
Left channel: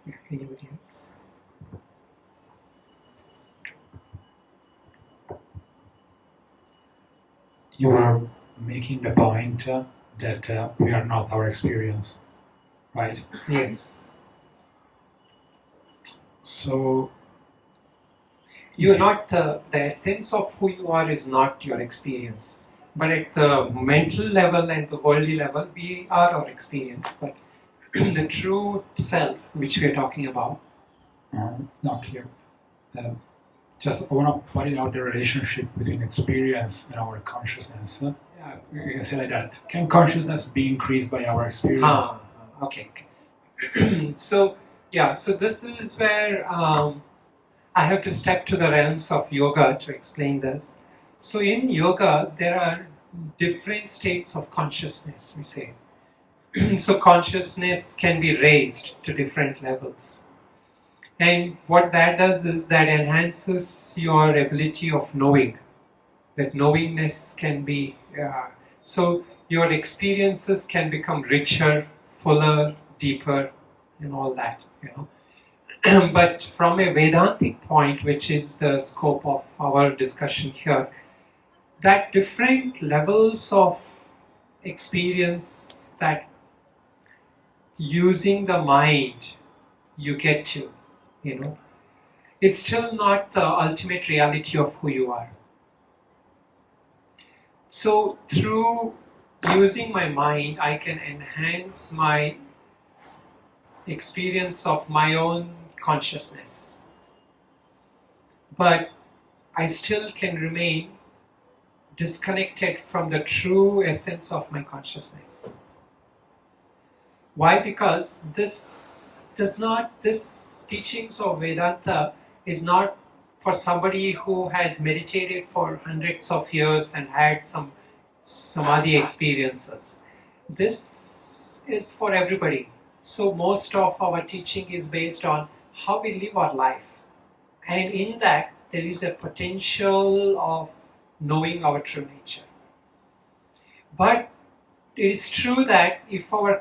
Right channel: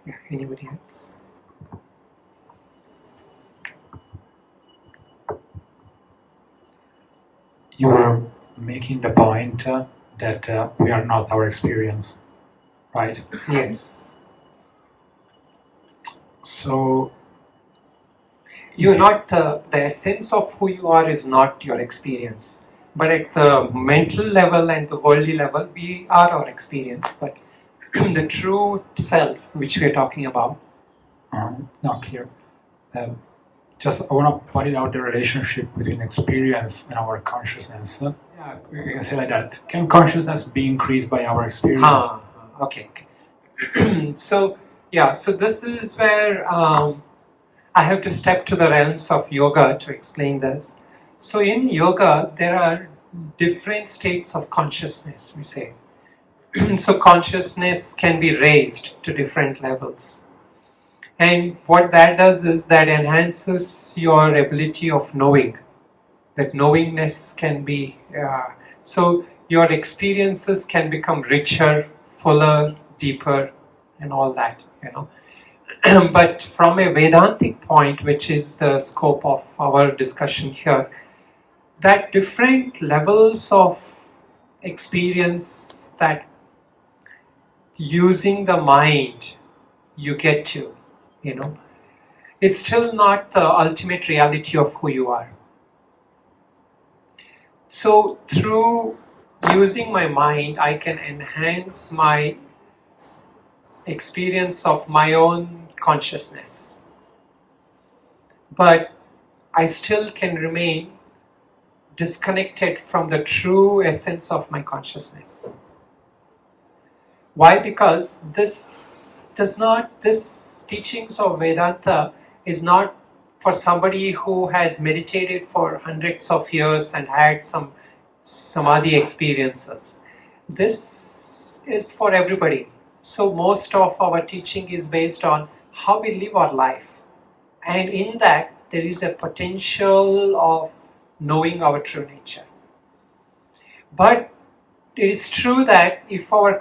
Yeah, anybody else? You were making the point that we are not our experience, right? Yes. So You're not the essence of who you are is not your experience, but at the mental level and the worldly level, we are our experience. But the true self, which we are talking about, not clear. Just I want to point out the relationship between experience and our consciousness. yeah, We can say like that. Can consciousness be increased by our experience? okay. So this is where I have to step to the realms of yoga to explain this. So in yoga, there are different states of consciousness, we say. So consciousness can be raised to different levels. And what that does is that enhances your ability of knowing. That knowingness can be, so your experiences can become richer, fuller, deeper, and all that, But from a Vedantic point, which is the scope of our discussion here, that different levels of experience that using the mind you get to, is still not the ultimate reality of who you are. So through using my mind, I can enhance my experience of my own consciousness. But I still can remain disconnected from the true essence of my consciousness. Why? Because this teachings of Vedanta is not for somebody who has meditated for hundreds of years and had some samadhi experiences. This is for everybody. So most of our teaching is based on how we live our life. And in that, there is a potential of knowing our true nature. But it is true that if our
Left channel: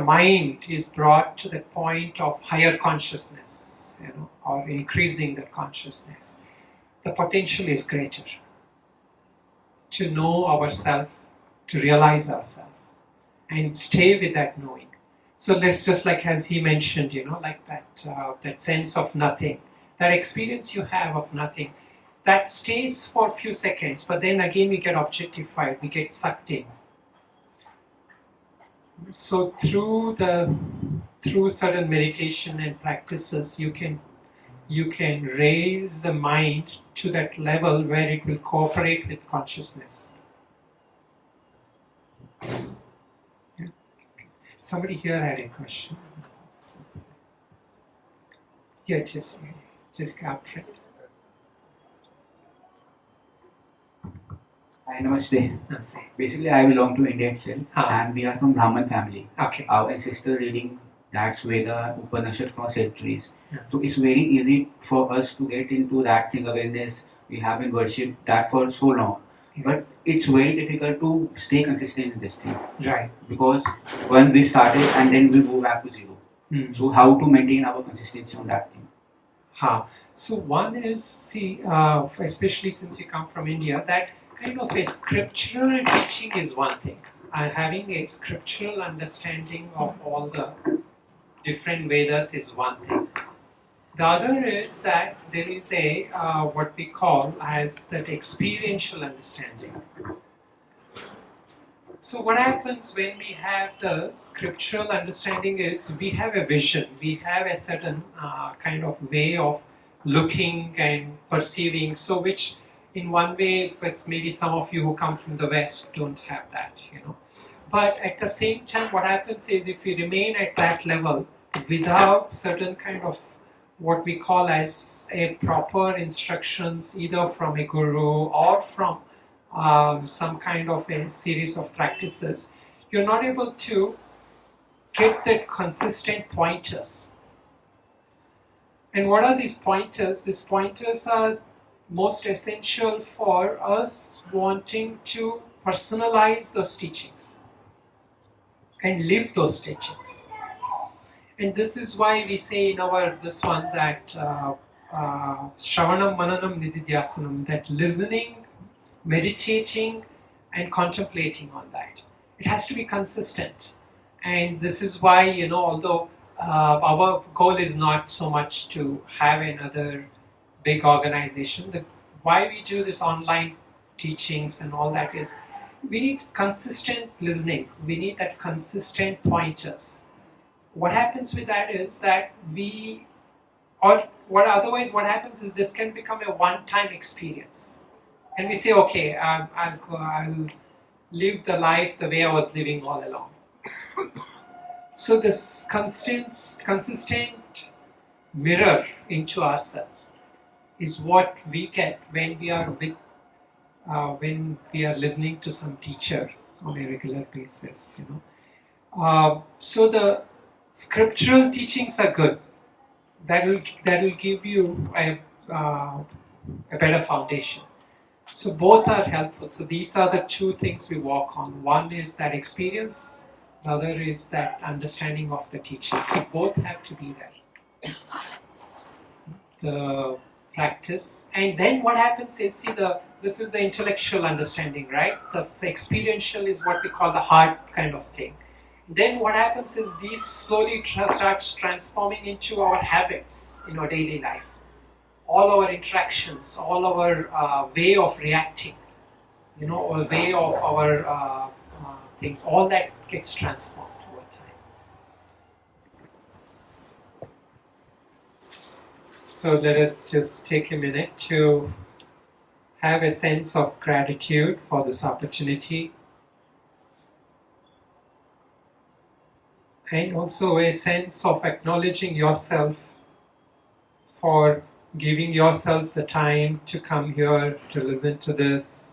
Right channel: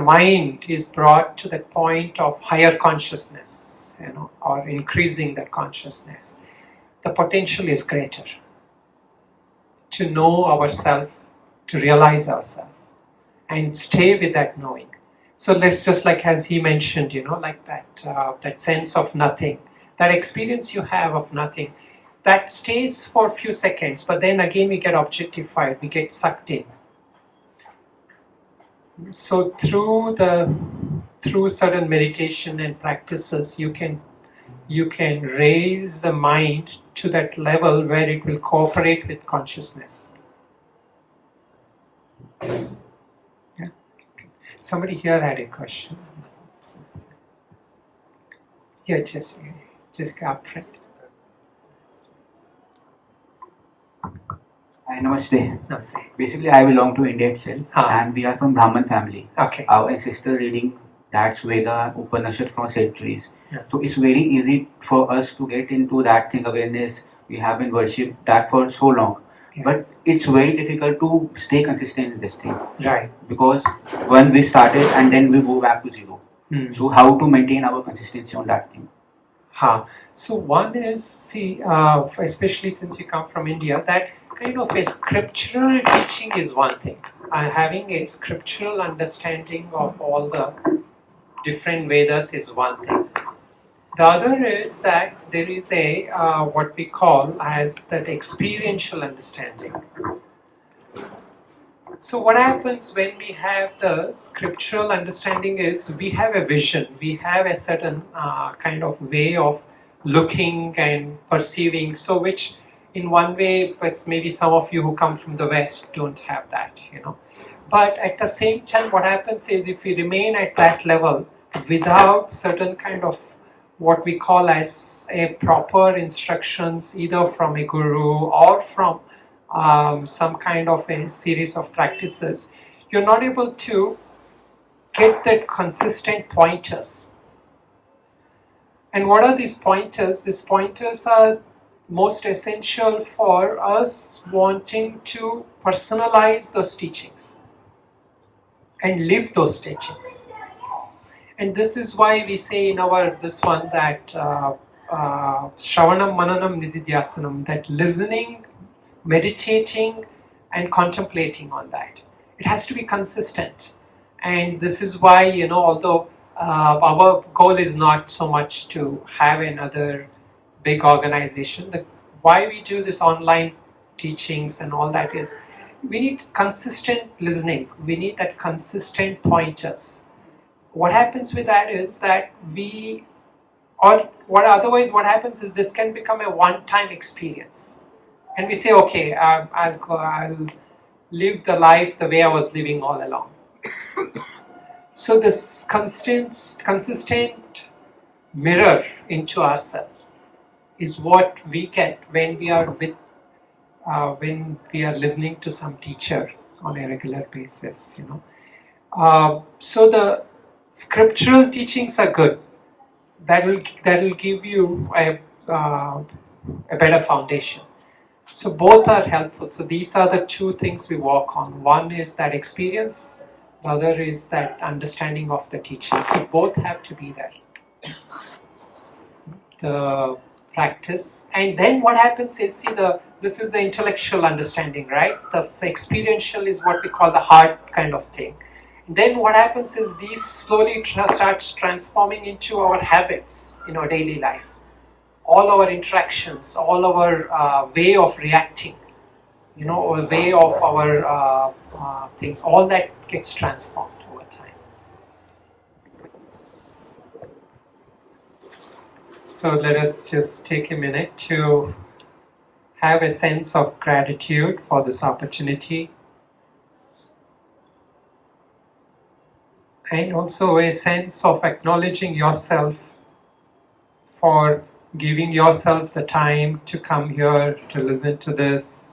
mind is brought to the point of higher consciousness, or increasing that consciousness, the potential is greater to know ourselves, to realize ourselves, and stay with that knowing. So let's just like as he mentioned, like that sense of nothing, that experience you have of nothing, that stays for a few seconds, but then again we get objectified, we get sucked in. So through certain meditation and practices, you can raise the mind to that level where it will cooperate with consciousness. Yeah. Somebody here had a question. Yeah, Jessica up front. Namaste. Namaste. Basically, I belong to India itself, Ah. and we are from Brahman family. Okay. Our ancestor reading that's Veda, Upanishad from centuries. Yeah. So it's very easy for us to get into that thing awareness. We have been worshipped that for so long, Yes. but it's very difficult to stay consistent in this thing. Right. Because when we started and then we go back to zero. Mm. So how to maintain our consistency on that thing? So one is, especially since you come from India, that kind of a scriptural teaching is one thing. Having a scriptural understanding of all the different Vedas is one thing. The other is that there is a what we call as that experiential understanding. So what happens when we have the scriptural understanding is we have a vision, we have a certain kind of way of looking and perceiving, so which in one way, but maybe some of you who come from the West don't have that, But at the same time, what happens is if we remain at that level without certain kind of what we call as a proper instructions, either from a guru or from some kind of a series of practices, you're not able to get that consistent pointers. And what are these pointers? These pointers are most essential for us wanting to personalize those teachings and live those teachings. And this is why we say in this one that Shravanam, Mananam, Nididhyasanam, that listening, meditating and contemplating on that. It has to be consistent. And this is why, although our goal is not so much to have another big organization, why we do this online teachings and all that is, we need consistent listening. We need that consistent pointers. What happens with that is that what happens is this can become a one-time experience. And we say, okay, I'll live the life the way I was living all along. So this consistent mirror into ourselves is what we get when we are listening to some teacher on a regular basis. So the scriptural teachings are good. That will give you a better foundation. So both are helpful. So these are the two things we work on. One is that experience, the other is that understanding of the teaching. So both have to be there. practice. And then what happens is, this is the intellectual understanding, right? The experiential is what we call the heart kind of thing. Then what happens is these slowly starts transforming into our habits in our daily life. All our interactions, all our way of reacting, or way of our things, all that gets transformed over time. So let us just take a minute to have a sense of gratitude for this opportunity, and also a sense of acknowledging yourself for giving yourself the time to come here to listen to this.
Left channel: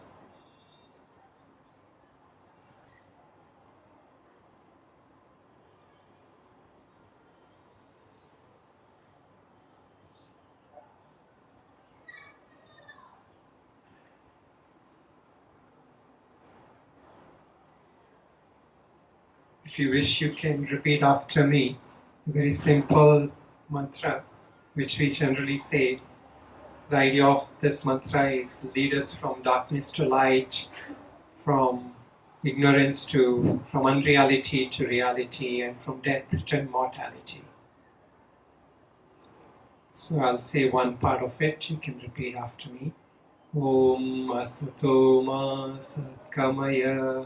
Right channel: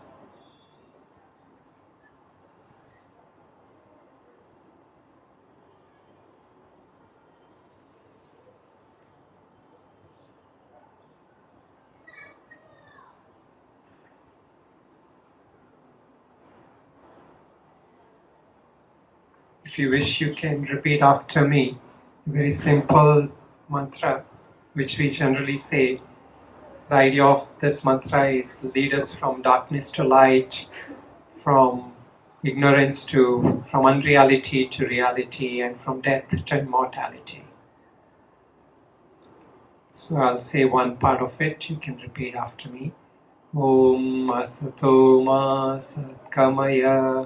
If you wish, you can repeat after me. A very simple mantra, which we generally say. The idea of this mantra is lead us from darkness to light, from ignorance from unreality to reality, and from death to immortality. So I'll say one part of it, you can repeat after me. Om Asato Ma Satgamaya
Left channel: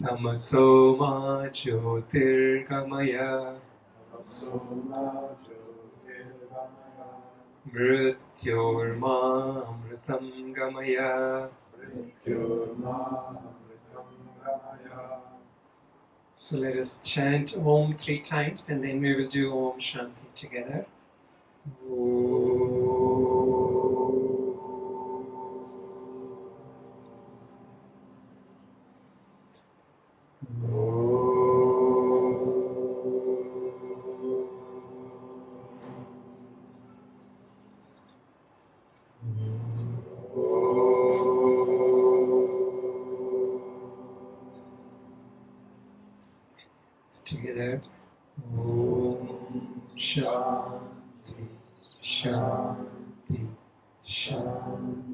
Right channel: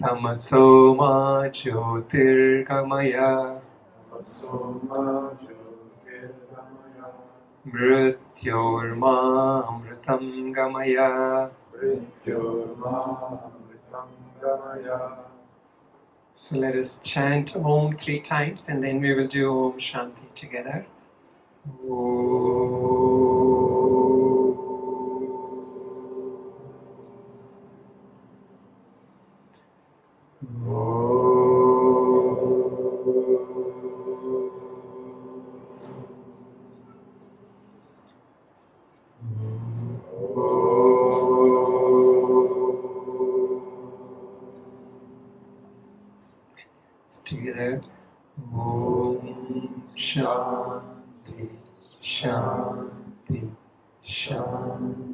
Tamaso Ma Jyotirgamaya Mrityorma Amritam Gamaya. So let us chant Om 3 times, and then we will do Om Shanti together. Together. Om Shanti, Shanti, Shanti.